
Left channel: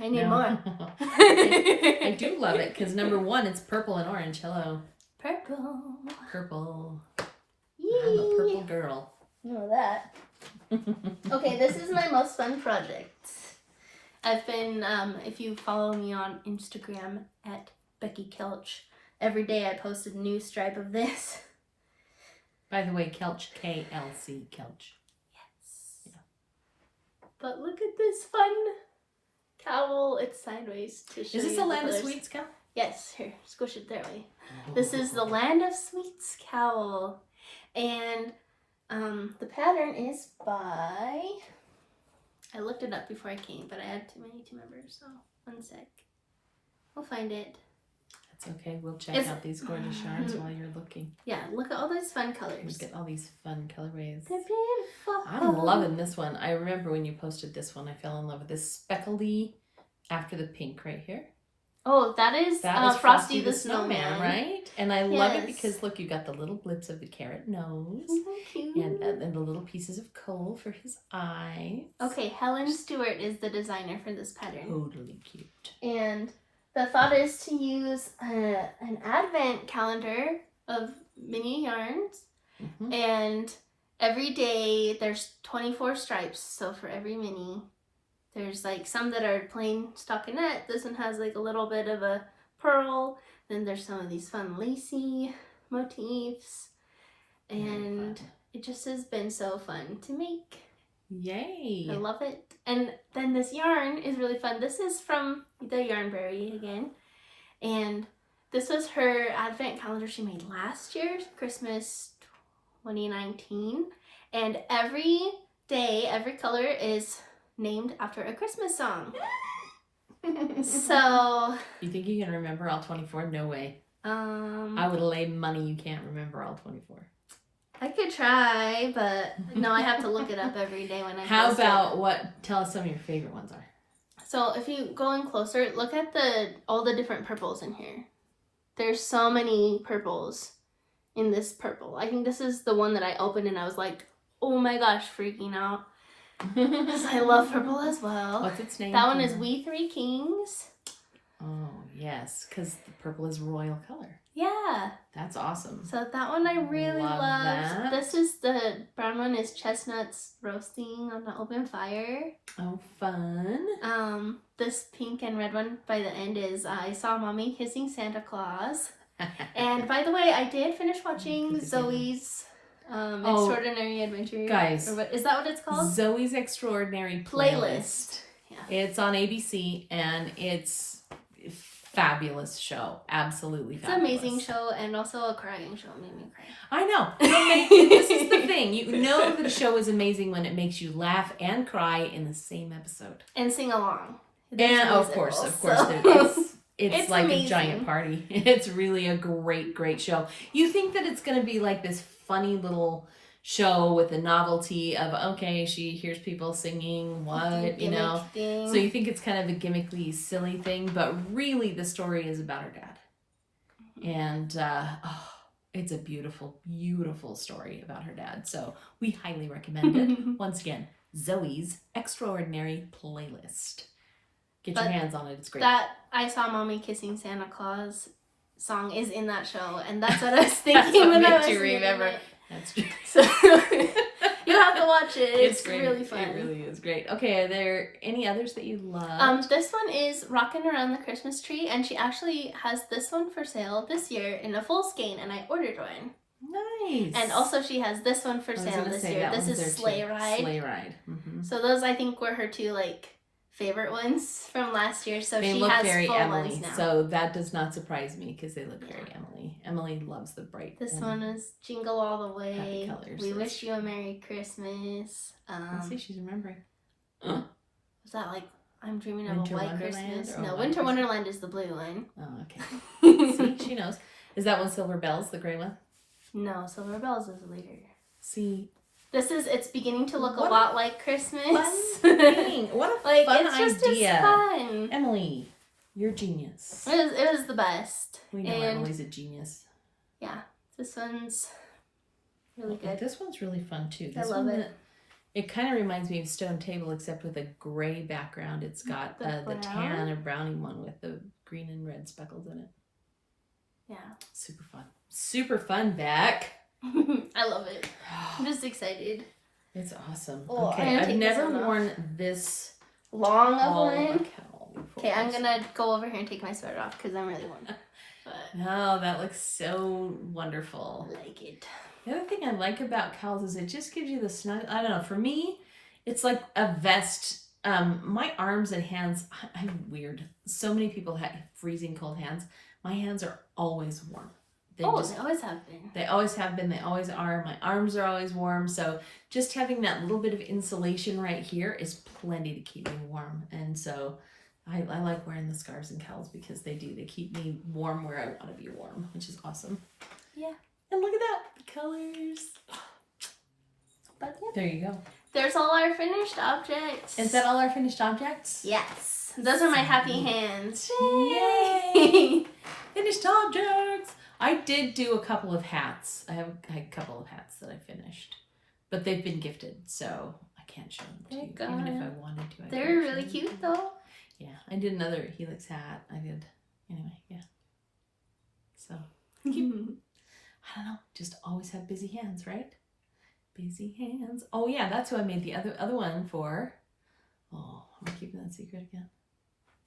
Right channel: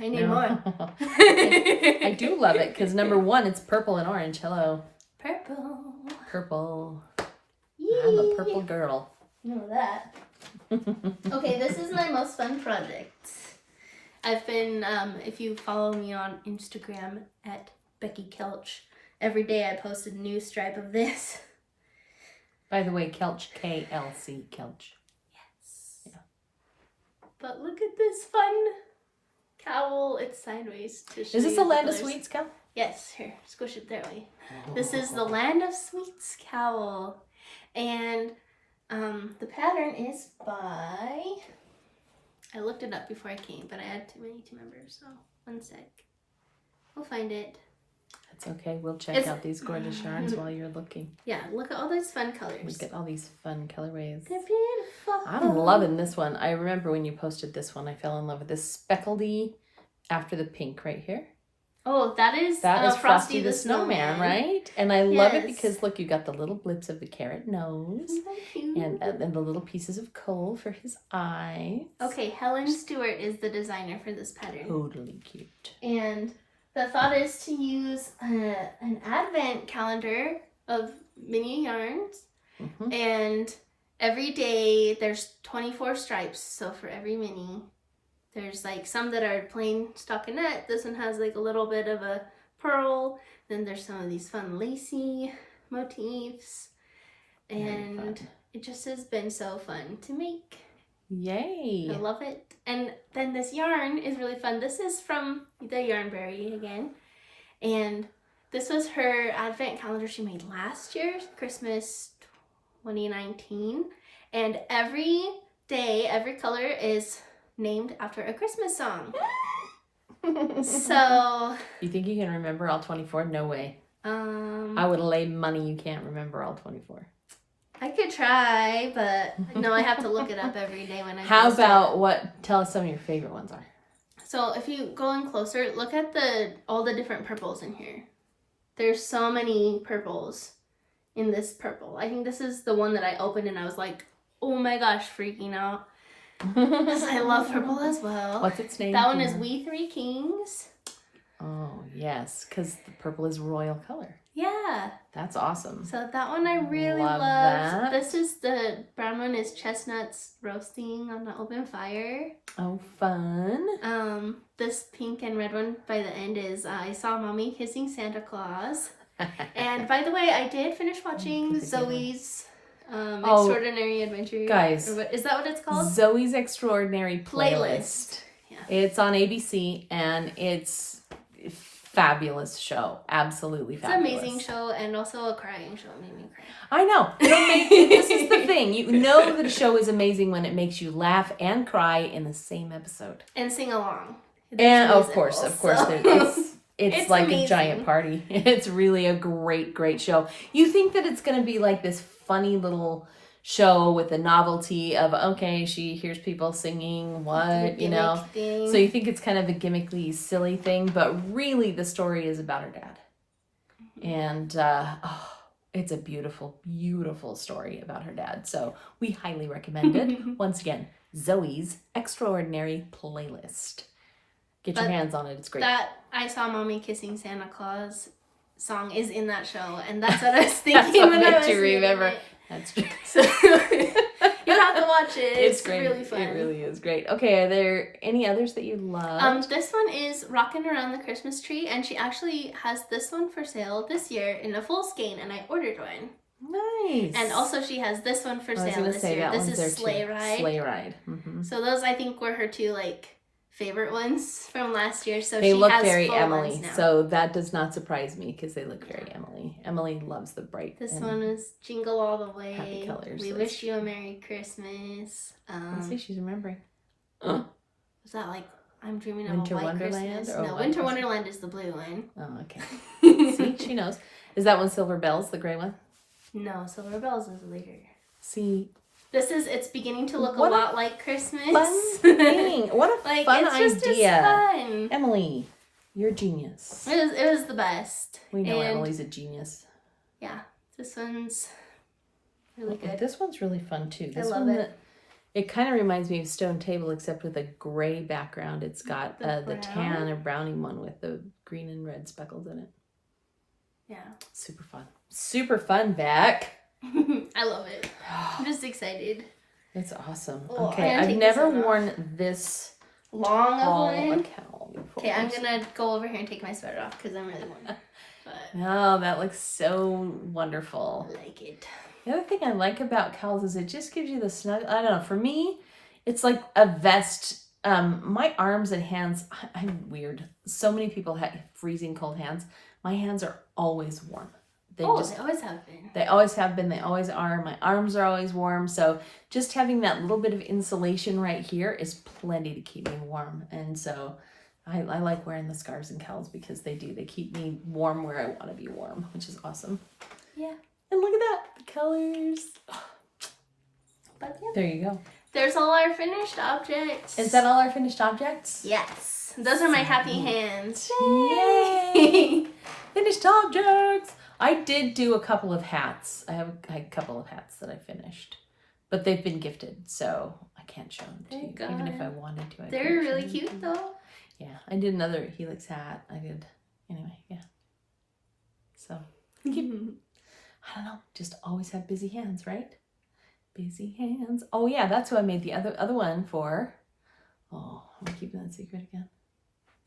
I need more. I do love it because number one, it's purple and orange. Hello. Purple. Yee. I'm a purple girl. You know that. Okay, this is my most fun project. I've been, if you follow me on Instagram at Becky Kelch, every day I post a new stripe of this. By the way, Kelch, K-L-C, Kelch. Yes. Yeah. But look at this fun cowl. It's sideways to show you. Is this the Land of Sweets cowl? Yes. Here, squish it that way. This is the Land of Sweets cowl. And the pattern is by... I looked it up before I came, but I had too many to remember, so one sec. We'll find it. That's okay. We'll check out these gorgeous yarns while you're looking. Yeah, look at all those fun colors. Look at all these fun colorways. They're beautiful. I'm loving this one. I remember when you posted this one, I fell in love with this speckledy after the pink right here. Oh, that is Frosty the Snowman, right? And I love it because, look, you got the little blips of the carrot nose. And the little pieces of coal for his eyes. Okay, Helen Stewart is the designer for this pattern. Totally cute. And the thought is to use an advent calendar of mini yarns. Mm-hmm. And every day there's 24 stripes. So for every mini, there's like some that are plain stockinette. This one has like a little bit of a pearl. Then there's some of these fun lacy motifs. And it just has been so fun to make. Yay. I love it. And then this yarn is really fun. This is from the Yarnberry again. And this was her advent calendar she made last year, Christmas 2019. And every day, every color is named after a Christmas song. So... You think you can remember all 24? No way. I would lay money you can't remember all 24. I could try, but no, I have to look it up every day when I How about tell us some of your favorite ones are. So if you go in closer, look at all the different purples in here. There's so many purples in this purple. I think this is the one that I opened and I was like, oh my gosh, freaking out. Because I love purple as well. What's its name? That one is We Three Kings. Oh, yes, because the purple is royal color. Yeah. That's awesome. So that one I really love. That. This is the brown one is chestnuts roasting on the open fire. Oh, fun. This pink and red one by the end is I Saw Mommy Kissing Santa Claus. And by the way, I did finish watching Zoe's Extraordinary Adventure. Guys. Or what, is that what it's called? Zoe's Extraordinary Playlist. Yeah. It's on ABC, and it's a fabulous show. Absolutely fabulous. It's an amazing show, and also a crying show. It made me cry. I know. This is the thing. You know that a show is amazing when it makes you laugh and cry in the same episode. And sing along. And of course. It's like amazing. A giant party. It's really a great show. You think that it's going to be like this funny little show with a novelty of, okay, she hears people singing, what, you know. Thing. So you think it's kind of a gimmickly, silly thing, but really the story is about her dad. And it's a beautiful story about her dad. So we highly recommend it. Once again, Zoe's Extraordinary Playlist. Get your hands on it. It's great. That I Saw Mommy Kissing Santa Claus song is in that show, and that's what I was thinking when I was remember. it. That's true. So you'll have to watch it. It's really fun. It really is great. Okay, are there any others that you love? This one is Rockin' Around the Christmas Tree, and she actually has this one for sale this year in a full skein, and I ordered one. Nice. And also she has this one for sale this year. This is Sleigh Ride. Sleigh Ride. Mm-hmm. So those I think were her two favorite ones from last year. So they she look has very full Emily, ones now. so that does not surprise me because they look very Emily. Emily loves the bright. This one is Jingle All the Way. Happy colors. We Wish You a Merry Christmas. Let's see, she's remembering. Was that I'm Dreaming of Winter a White Wonderland Christmas? or No, White Winter Christmas? Wonderland is the blue one. Oh, okay. See, she knows. Is that one Silver Bells, the gray one? No, Silver Bells is later. See, it's beginning to look a lot like Christmas. Fun thing. What a fun it's just idea. As fun. Emily, you're a genius. It was the best. We know Emily's a genius. Yeah, this one's really good. This one's really fun too. I love it. It kind of reminds me of Stone Table, except with a gray background. It's got the tan or brownie one with the green and red speckles in it. Yeah. Super fun. Super fun, Beck. I love it. I'm just excited. It's awesome. Oh, okay, I've never worn this long of one. cowl before. Okay, I'm gonna go over here and take my sweater off because I'm really warm. No, that looks so wonderful. I like it. The other thing I like about cowls is it just gives you the snug. I don't know. For me, it's like a vest. My arms and hands. I'm weird. So many people have freezing cold hands. My hands are always warm. They always have been. They always have been. They always are. My arms are always warm. So just having that little bit of insulation right here is plenty to keep me warm. And so I like wearing the scarves and cowls because they do. They keep me warm where I want to be warm, which is awesome. Yeah. And look at that. The colors. But yeah. There you go. There's all our finished objects. Is that all our finished objects? Yes. Those are my happy hands. Yay! Finished objects. I did do a couple of hats. I have a couple of hats that I finished, but they've been gifted, so I can't show them to you, even if I wanted to. They're really cute, though. Yeah, I did another Helix hat. Anyway, yeah. So, I don't know, just always have busy hands, right? Busy hands. Oh yeah, that's who I made the other one for. Oh, I'm keeping that secret again.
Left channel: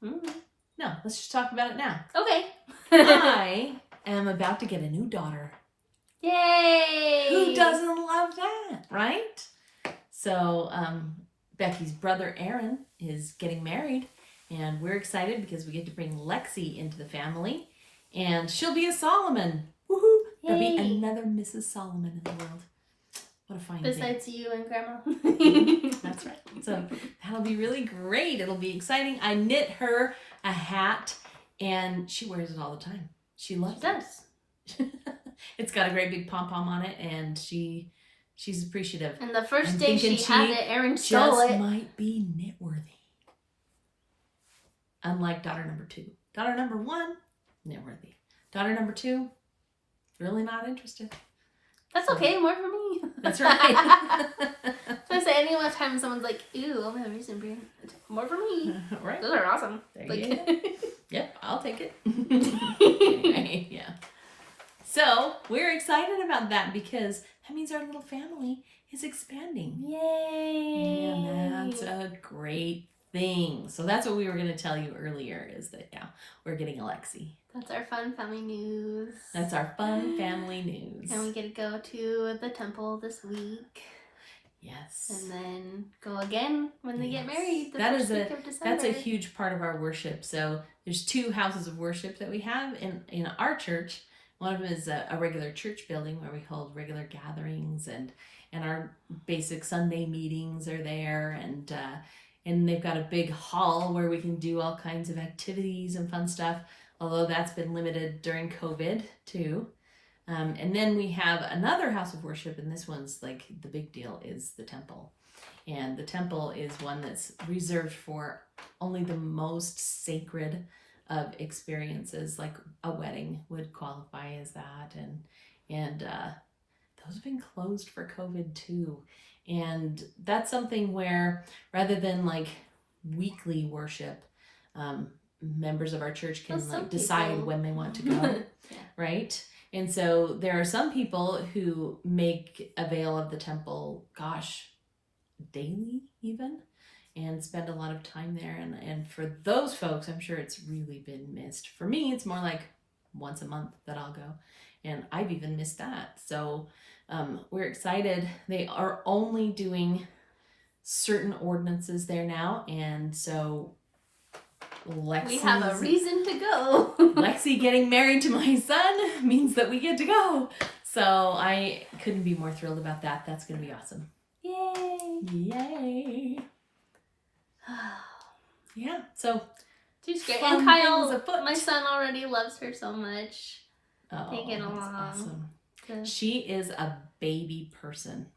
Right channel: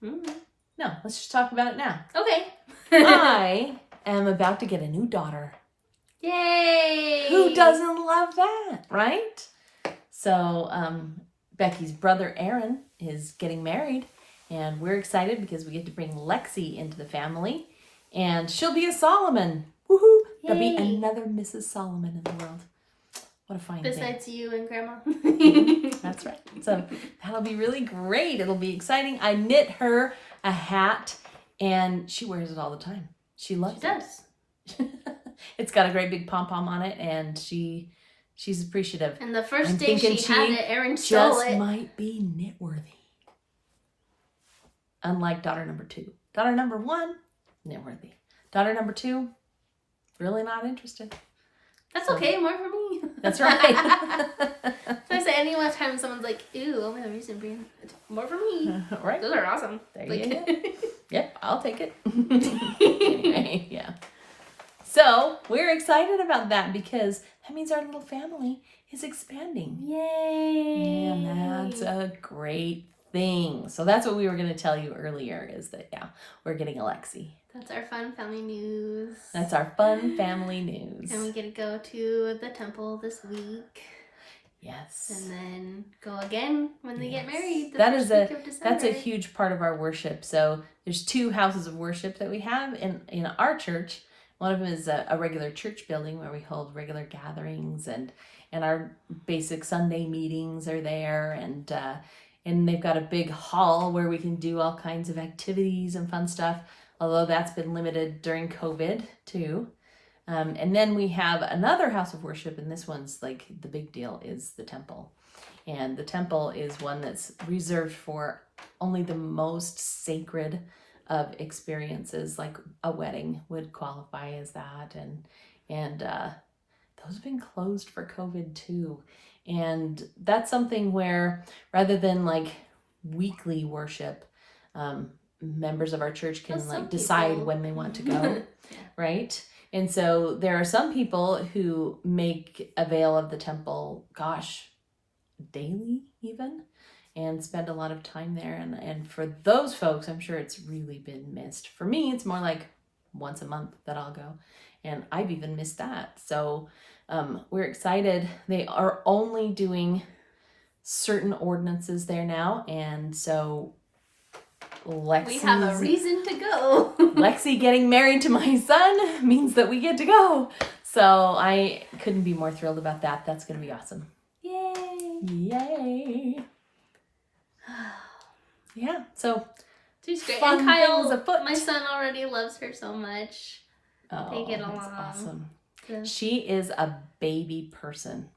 Mm-hmm. No, let's just talk about it now. Okay. I am about to get a new daughter. Yay! Who doesn't love that, right? So, Becky's brother Aaron is getting married, and we're excited because we get to bring Lexi into the family, and she'll be a Solomon. Woohoo! There'll be another Mrs. Solomon in the world. What a fine thing. Besides you and Grandma. That's right. So that'll be really great. It'll be exciting. I knit her a hat, and she wears it all the time. She loves it. She does. It's got a great big pom-pom on it, and she's appreciative. And the first day she had it, Aaron stole it. Just might be knit-worthy. Unlike daughter number 2. Daughter number 1, knit-worthy. Daughter number 2, really not interested. That's okay, more for me. That's right. So I say anytime someone's like, "Ew, only the reason being more for me." Right. Those are awesome. There you go. Yep, I'll take it. Anyway, yeah. So we're excited about that because that means our little family is expanding. Yay! And that's a great thing. So that's what we were going to tell you earlier is that, yeah, we're getting Alexi. That's our fun family news. That's our fun family news. And we get to go to the temple this week. Yes. And then go again when they get married the that first is week of December. That's a huge part of our worship. So there's 2 houses of worship that we have in our church. One of them is a regular church building where we hold regular gatherings and our basic Sunday meetings are there, and they've got a big hall where we can do all kinds of activities and fun stuff, although that's been limited during COVID too. And then we have another house of worship, and this one's like the big deal is the temple. And the temple is one that's reserved for only the most sacred of experiences, like a wedding would qualify as that. And those have been closed for COVID too. And that's something where rather than like weekly worship, members of our church can like decide when they want to go, right? And so there are some people who make avail of the temple, daily even, and spend a lot of time there. And for those folks, I'm sure it's really been missed. For me, it's more like once a month that I'll go. And I've even missed that. So we're excited. They are only doing certain ordinances there now. And so we have a reason to go. Lexi getting married to my son means that we get to go. So I couldn't be more thrilled about that. That's going to be awesome. Yay. Yay. Yeah, so she's great. And Kyle, my son, already loves her so much. They get along. Awesome. She is a baby person.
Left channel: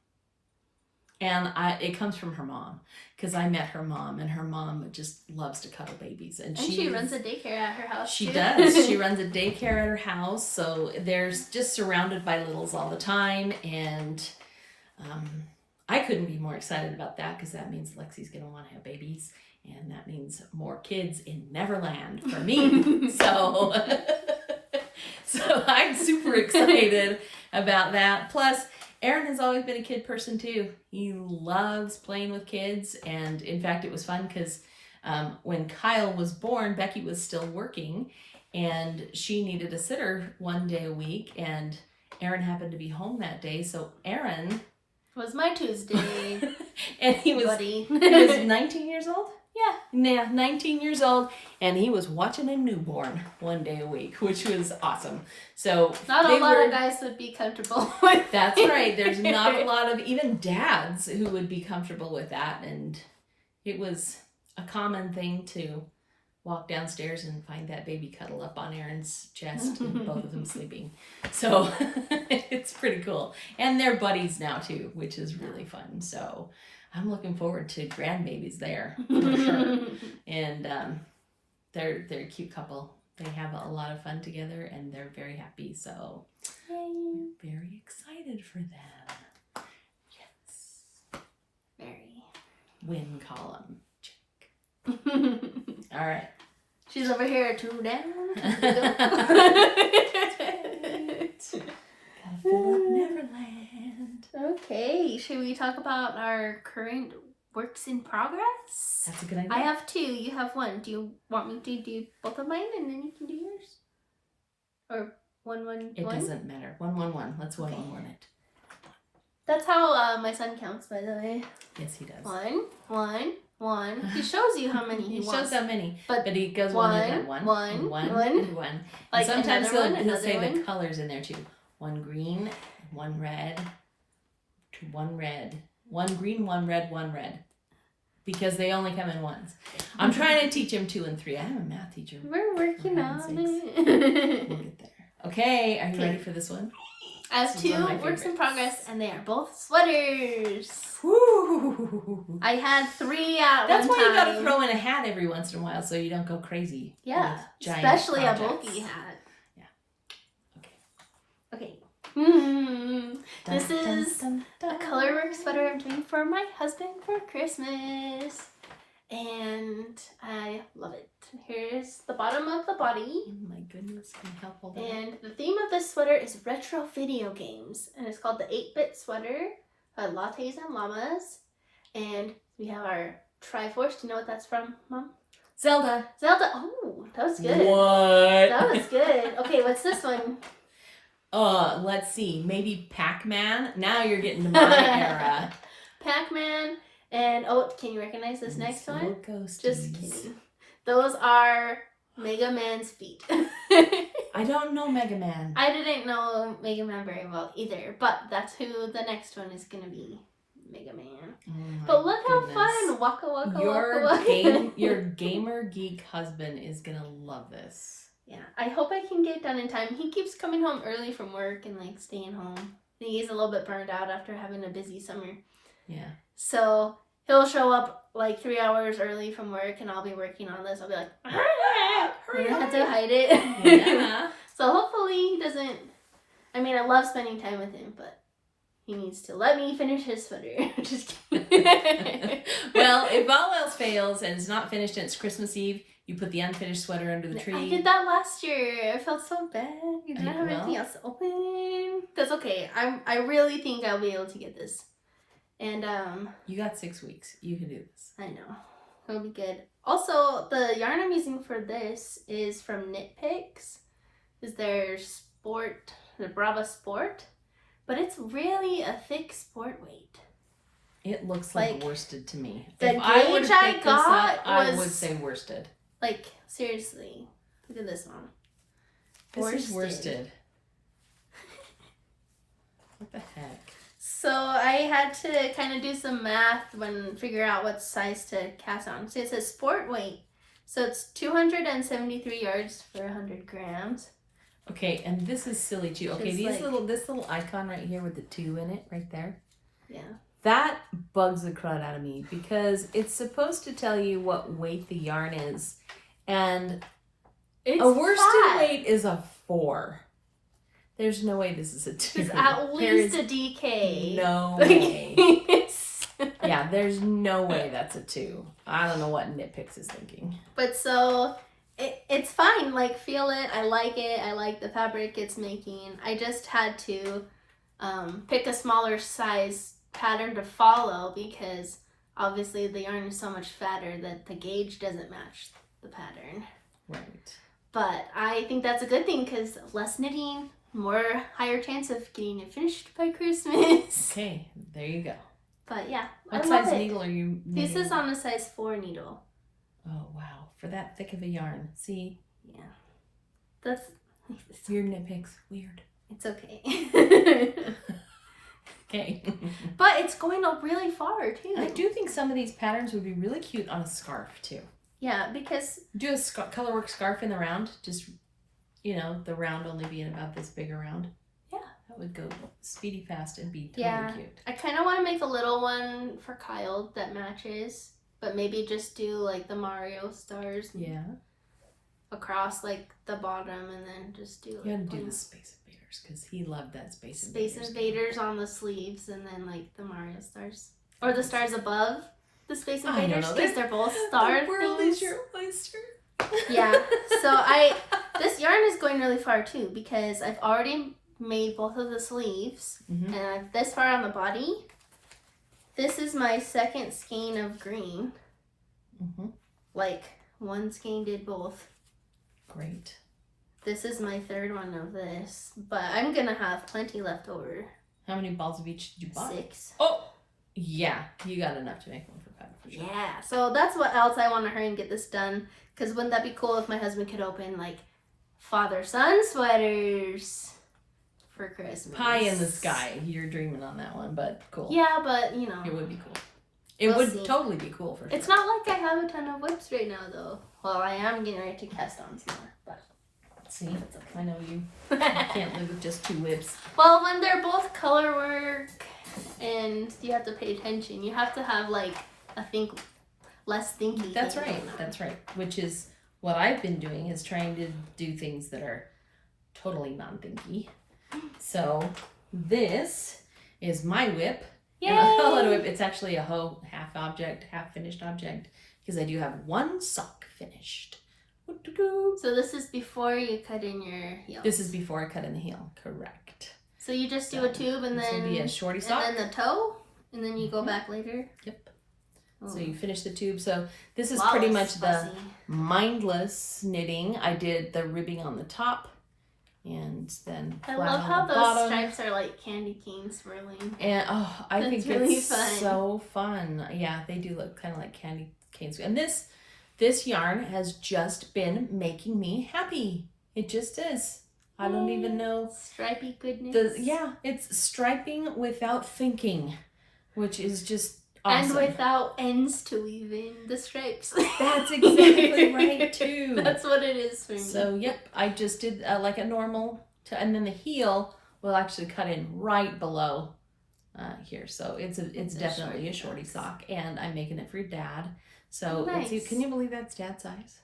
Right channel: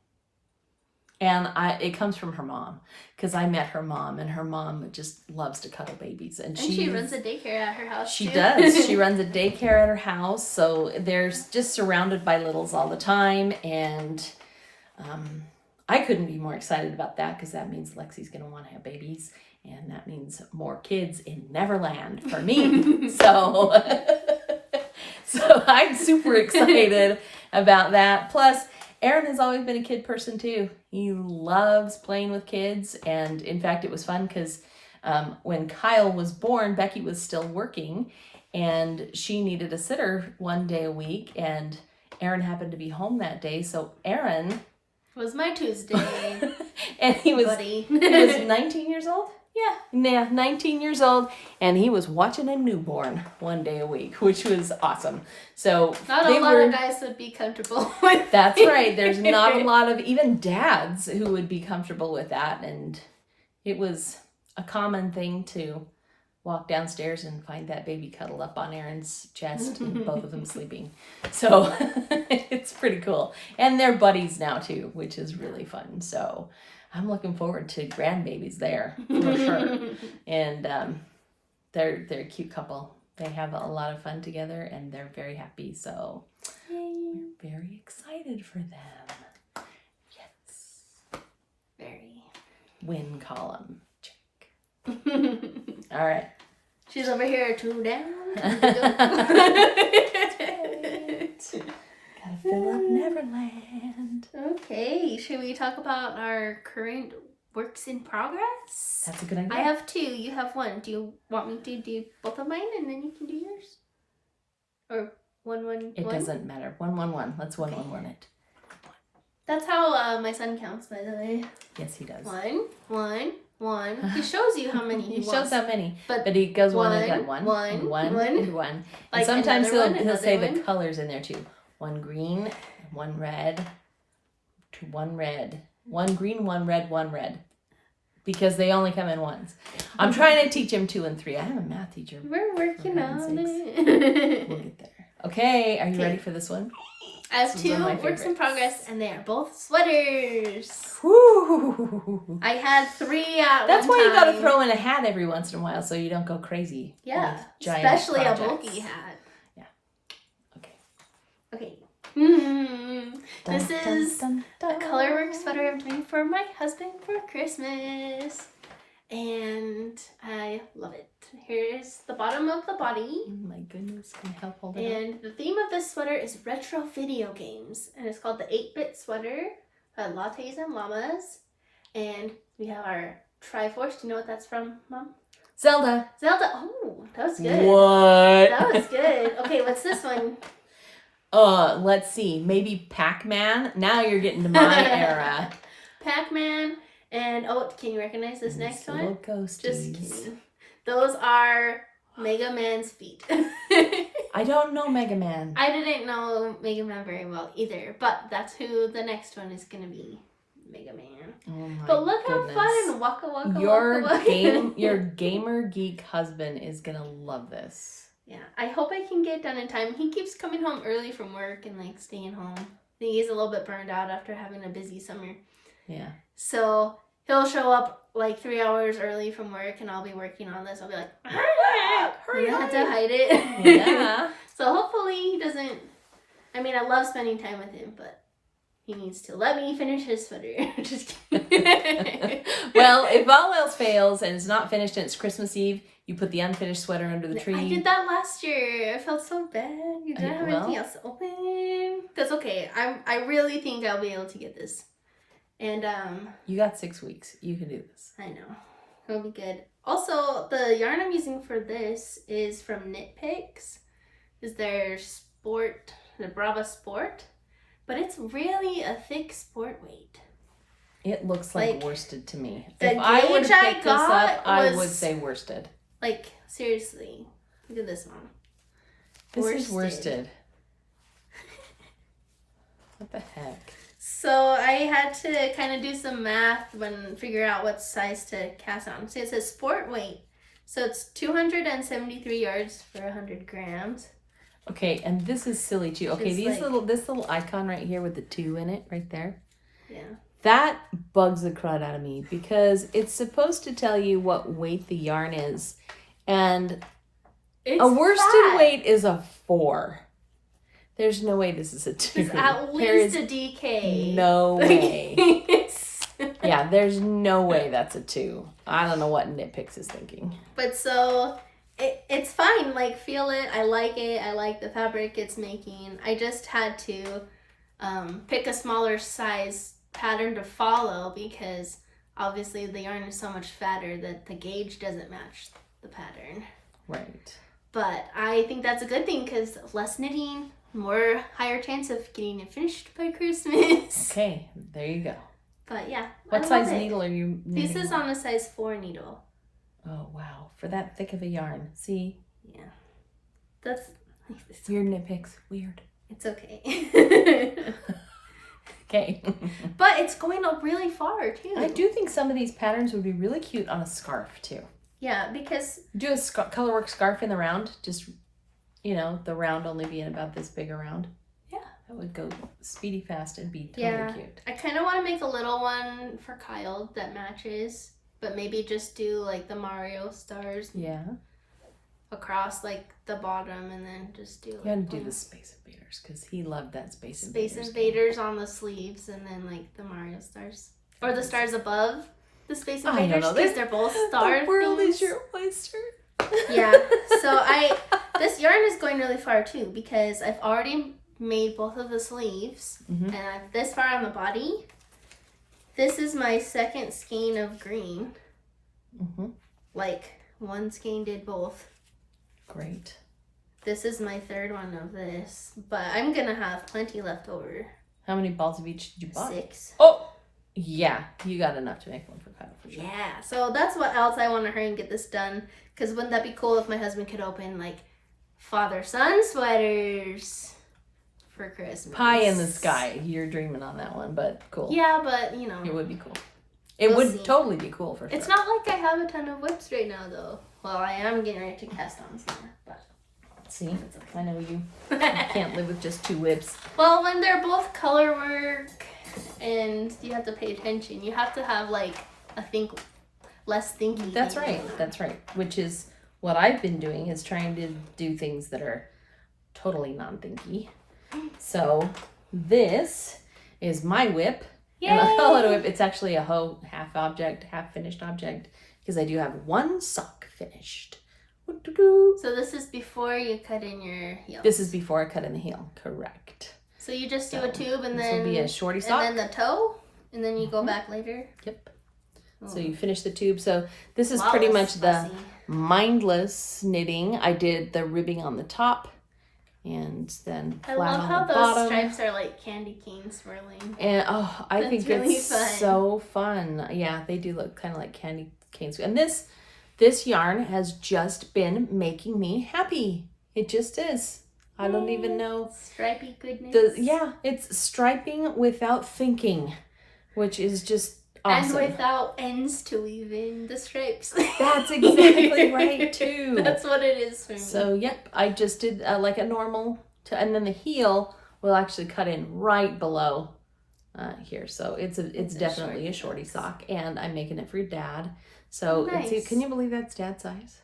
And it comes from her mom, because I met her mom, and her mom just loves to cuddle babies. And she runs a daycare at her house, She does. She runs a daycare at her house, so they're just surrounded by littles all the time. And I couldn't be more excited about that, because that means Lexi's going to want to have babies, and that means more kids in Neverland for me. So I'm super excited about that. Plus, Aaron has always been a kid person too. He loves playing with kids, and in fact it was fun because when Kyle was born, Becky was still working, and she needed a sitter one day a week, and Aaron happened to be home that day, so Aaron was my Tuesday. And he was 19 years old? Yeah, 19 years old, and he was watching a newborn one day a week, which was awesome. So not a lot of guys would be comfortable with That's right. There's not a lot of even dads who would be comfortable with that, and it was a common thing to walk downstairs and find that baby cuddle up on Aaron's chest and both of them sleeping. So it's pretty cool. And they're buddies now too, which is really fun. So I'm looking forward to grandbabies there for sure. And they're a cute couple. They have a lot of fun together, and they're very happy. So I'm very excited for them. Yes. Very. Win column. Check. All right. She's over here 2 down. Gotta fill up Neverland. Okay, should we talk about our current works in progress? That's a good idea. I have 2. You have 1. Do you want me to do both of mine and then you can do yours? Or 1, 1, 1? It doesn't matter. 1, 1, 1. Let's 1, 1, 1 it. That's how my son counts, by the way. Yes, he does. 1, 1, 1. He shows you how many he wants. Shows how many. But he goes one at a time. One. Like and sometimes he'll say one. the colors in there too. 1 green, 1 red, 1 red. 1 green, 1 red, 1 red. Because they only come in ones. I'm trying to teach him 2 and 3. I am a math teacher. We're working on it. We'll get there. Okay, are you ready for this one? I have 2 works in progress, and they are both sweaters. Woo! I had 3 at That's one why time. you gotta throw in a hat every once in a while so you don't go crazy. Yeah, giant especially projects. a bulky hat. Yeah. Okay. This is a colorwork sweater I'm doing for my husband for Christmas. And I love it. Here's the bottom of the body. Oh my goodness, can you help hold it And the theme of this sweater is retro video games. And it's called the 8-bit sweater by Lattes and Llamas. And we have our Triforce. Do you know what that's from, Mom? Zelda. Zelda. Oh, that was good. What? That was good. Okay, what's this one? Let's see. Maybe Pac-Man. Now you're getting to my era. Pac-Man. And, oh, can you recognize this next one? Ghosties. Just kidding. Those are Mega Man's feet. I don't know Mega Man. I didn't know Mega Man very well either, but that's who the next one is going to be. Mega Man. Oh But look goodness. how fun. Waka waka Your waka waka. your gamer geek husband is gonna love this. Yeah, I hope I can get it done in time. He keeps coming home early from work and like staying home. He's a little bit burned out after having a busy summer. Yeah. So he'll show up like 3 hours early from work and I'll be working on this. I'll be like, and I have to hide it. Yeah. So hopefully he doesn't, I mean, I love spending time with him, but he needs to let me finish his sweater. Just kidding. Well, if all else fails and it's not finished and it's Christmas Eve, you put the unfinished sweater under the tree. I did that last year. I felt so bad. You didn't have anything else open. That's okay. I really think I'll be able to get this. And you got 6 weeks. You can do this. I know. It'll be good. Also, the yarn I'm using for this is from Knitpicks. Is their sport, the Brava Sport. But it's really a thick sport weight. It looks like worsted to me. The If I would gauge have I picked this up, got I was- would say worsted. Like, seriously. Look at this one. This is worsted. What the heck? So I had to kind of do some math when figure out what size to cast on. So it says sport weight. So it's 273 yards for 100 grams. Okay, and this is silly too. Okay, It's this little icon right here with the 2 in it, right there. Yeah. That bugs the crud out of me because it's supposed to tell you what weight the yarn is, and It's a worsted flat. weight is a 4. There's no way this is a 2. It's at least a DK. No Like, way. it's- Yeah, there's no way that's a 2. I don't know what Knitpicks is thinking. But so it's fine. Like, feel it. I like it. I like the fabric it's making. I just had to pick a smaller size pattern to follow because obviously the yarn is so much fatter that the gauge doesn't match the pattern. Right. But I think that's a good thing because less knitting, more higher chance of getting it finished by Christmas. Okay, there you go. But yeah, What I love size it. needle are you knitting? This is on a size 4 needle. Oh, wow. For that thick of a yarn. See? Yeah. That's... Your Knitpicks. Weird. It's okay. Okay. But it's going up really far too. I do think some of these patterns would be really cute on a scarf too. Yeah, because... Do a colorwork scarf in the round. Just, you know, the round only being about this big around. Yeah. That would go speedy fast and be totally cute. I kind of want to make a little one for Kyle that matches. But maybe just do like the Mario stars Yeah. across like the bottom and then just do You like gotta do one- the Space Invaders because he loved that Space Space Invaders. Invaders on the sleeves and then like the Mario stars. Or the stars above the Space I don't Invaders know. because they're both star The world things. is your oyster. Yeah. So this yarn is going really far too because I've already made both of the sleeves Mhm. and I've this far on the body. This is my second skein of green. Mm-hmm. Like one skein did both. Great. This is my third one of this, but I'm gonna have plenty left over. How many balls of each did you buy? 6. Oh, yeah. You got enough to make one for Kyle for sure. Yeah, so that's what else I want to hurry and get this done. Because wouldn't that be cool if my husband could open like father-son sweaters for Christmas? Pie in the sky. You're dreaming on that one, but cool. Yeah, but you know. It would be cool. It We'll would see. totally be cool for sure. It's not like I have a ton of whips right now though. Well, I am getting ready to cast on some more, but See, I know you can't live with just 2 whips. well, when they're both color work and you have to pay attention, you have to have like a less thinky. That's thing right. going on. That's right. Which is what I've been doing, is trying to do things that are totally non-thinky. So this is my whip. And I call it a whip. It's actually a hoe, half object, half finished object, because I do have 1 sock finished. So this is before you cut in your heel. This is before I cut in the heel. Correct. So you just do So a tube and this then would be a shorty sock. and then the toe, and then you go back later. Yep. So you finish the tube. So this is pretty much the mindless knitting. I did the ribbing on the top, and then I love how those stripes are like candy cane swirling. And I think really it's fun. so fun. Yeah, they do look kind of like candy canes. And this yarn has just been making me happy. It just is. I don't even know. Stripy goodness. It's striping without thinking, which is just awesome. And without ends to weave in the stripes. That's exactly right, too. That's what it is for me. So, yep, I just did like a normal, and then the heel will actually cut in right below here. So it's definitely a shorty sock, and I'm making it for your dad. So nice. Can you believe that's dad's size?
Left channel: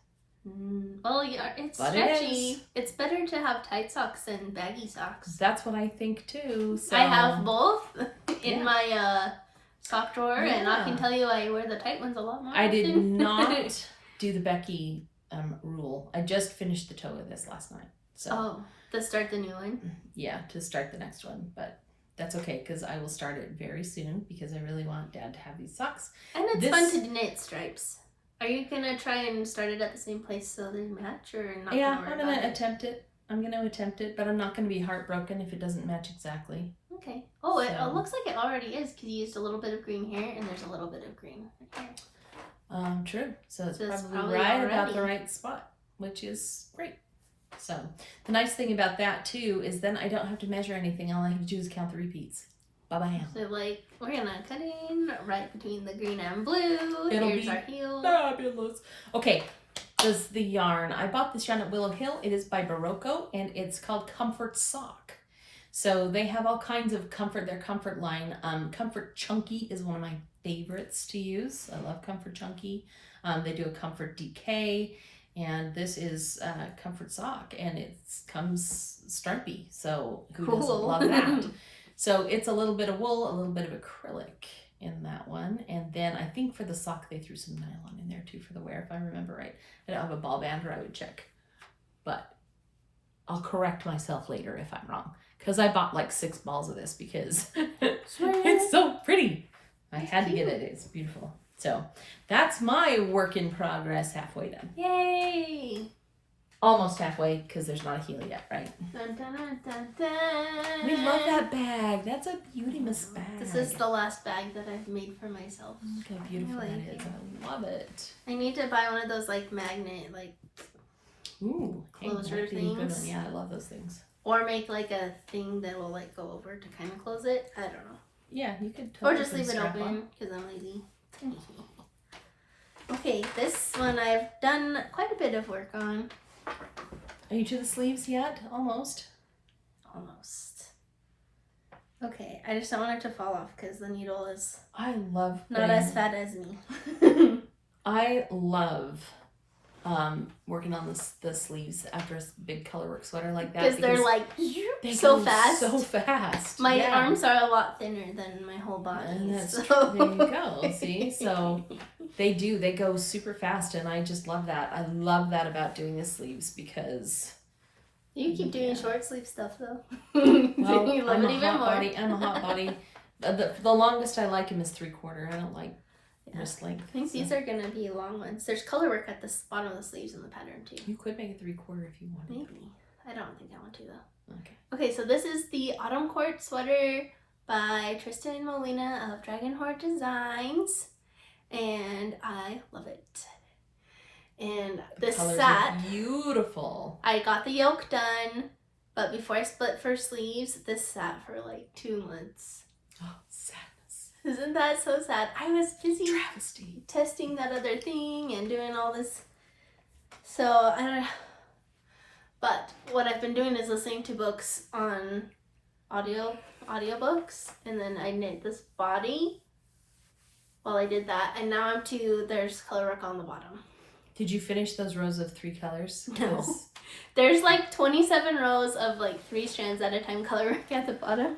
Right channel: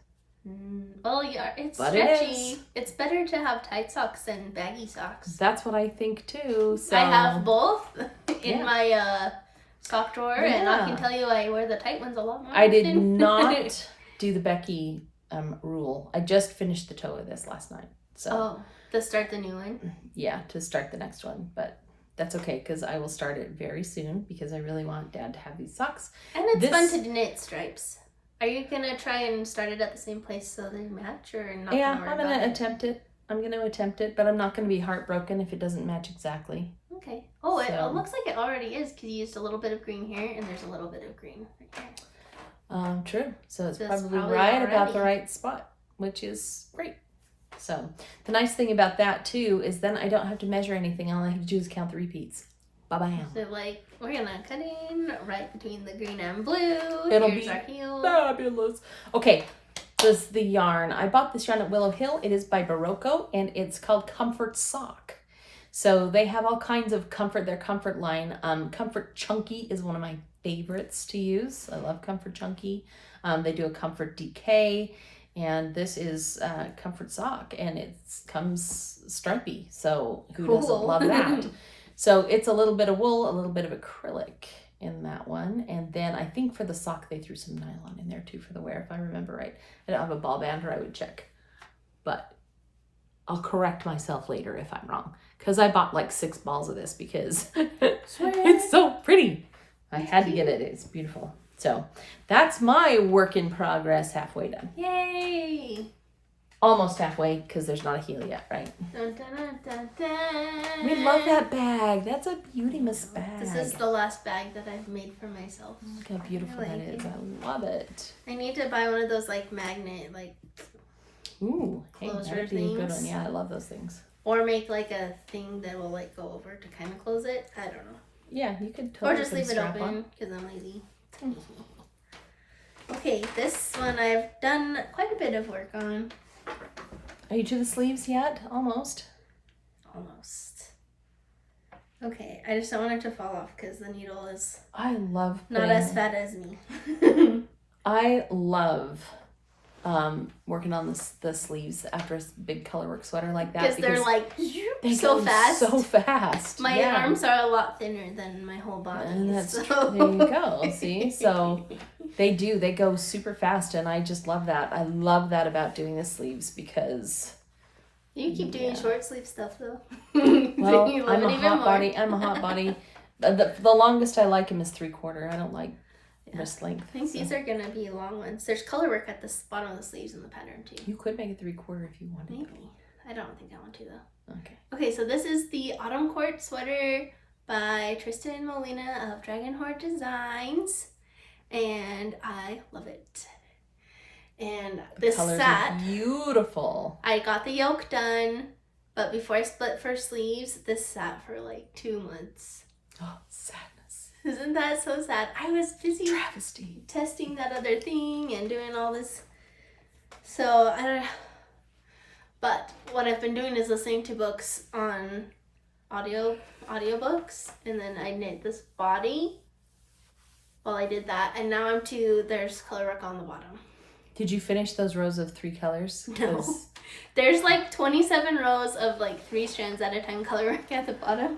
Well, yeah, it's stretchy. It's better to have tight socks than baggy socks. That's what I think too. So. I have both in my sock drawer, and I can tell you I wear the tight ones a lot more. I did not do the Becky rule. I just finished the toe of this last night. So to start the new one? Yeah, to start the next one, but that's okay because I will start it very soon because I really want Dad to have these socks. And it's fun to knit stripes. Are you gonna try and start it at the same place so they match, or not? Yeah, I'm gonna attempt it. But I'm not gonna be heartbroken if it doesn't match exactly. Okay. Oh, it looks like it already is because you used a little bit of green here, and there's a little bit of green right there. True. So it's probably right about the right spot, which is great. So the nice thing about that too is then I don't have to measure anything. All I have to do is count the repeats. Bye-bye. So we're gonna cut in right between the green and blue. Here's our heel. Fabulous. Okay, this is the yarn. I bought this yarn at Willow Hill. It is by Barocco, and it's called Comfort Sock. So they have all kinds of comfort. Their comfort line. Comfort Chunky is one of my favorites to use. I love Comfort Chunky. They do a Comfort DK, and this is Comfort Sock, and it comes stripy. So who doesn't love that? So it's a little bit of wool, a little bit of acrylic in that one. And then I think for the sock, they threw some nylon in there too for the wear, if I remember right. I don't have a ball band, or I would check. But I'll correct myself later if I'm wrong. Because I bought like 6 balls of this because it's so pretty. I had to get it. It's beautiful. So that's my work in progress, halfway done. Yay! Almost halfway because there's not a heel yet, right? Dun, dun, dun, dun, dun. We love that bag. That's a beauty-miss bag. This is the last bag that I've made for myself. Look how beautiful that is. I love it. I need to buy one of those like magnet closure things. Yeah, I love those things. Or make like a thing that will like go over to kind of close it. I don't know. Yeah, you could totally. Or just leave it open because I'm lazy. Okay, this one I've done quite a bit of work on. Are you to the sleeves yet? Almost. Okay, I just don't want it to fall off because the needle is not as fat as me. I love working on the sleeves after a big colorwork sweater like that because they're like so fast. My arms are a lot thinner than my whole body. And that's true. There you go. See, so they go super fast, and I just love that. I love that about doing the sleeves because you keep doing short sleeve stuff though. Well, you love it even more. I'm a hot body. The longest I like them is 3/4. I don't like wrist length. I think these are gonna be long ones. There's color work at the bottom of the sleeves in the pattern too. You could make it 3/4 if you wanted. Maybe. I don't think I want to though. Okay. Okay, so this is the Autumn Court sweater by TRYSTEN and MOLINA of Dragon Horde Designs, and I love it. And this sat beautiful. I got the yoke done, but before I split for sleeves, this sat for like 2 months. Oh, sadness. Isn't that so sad? I was busy travesty testing that other thing and doing all this. So I don't know. But what I've been doing is listening to books on audiobooks, and then I knit this body while I did that, and now there's color work on the bottom. Did you finish those rows of 3 colors? No. There's like 27 rows of like 3 strands at a time color work at the bottom.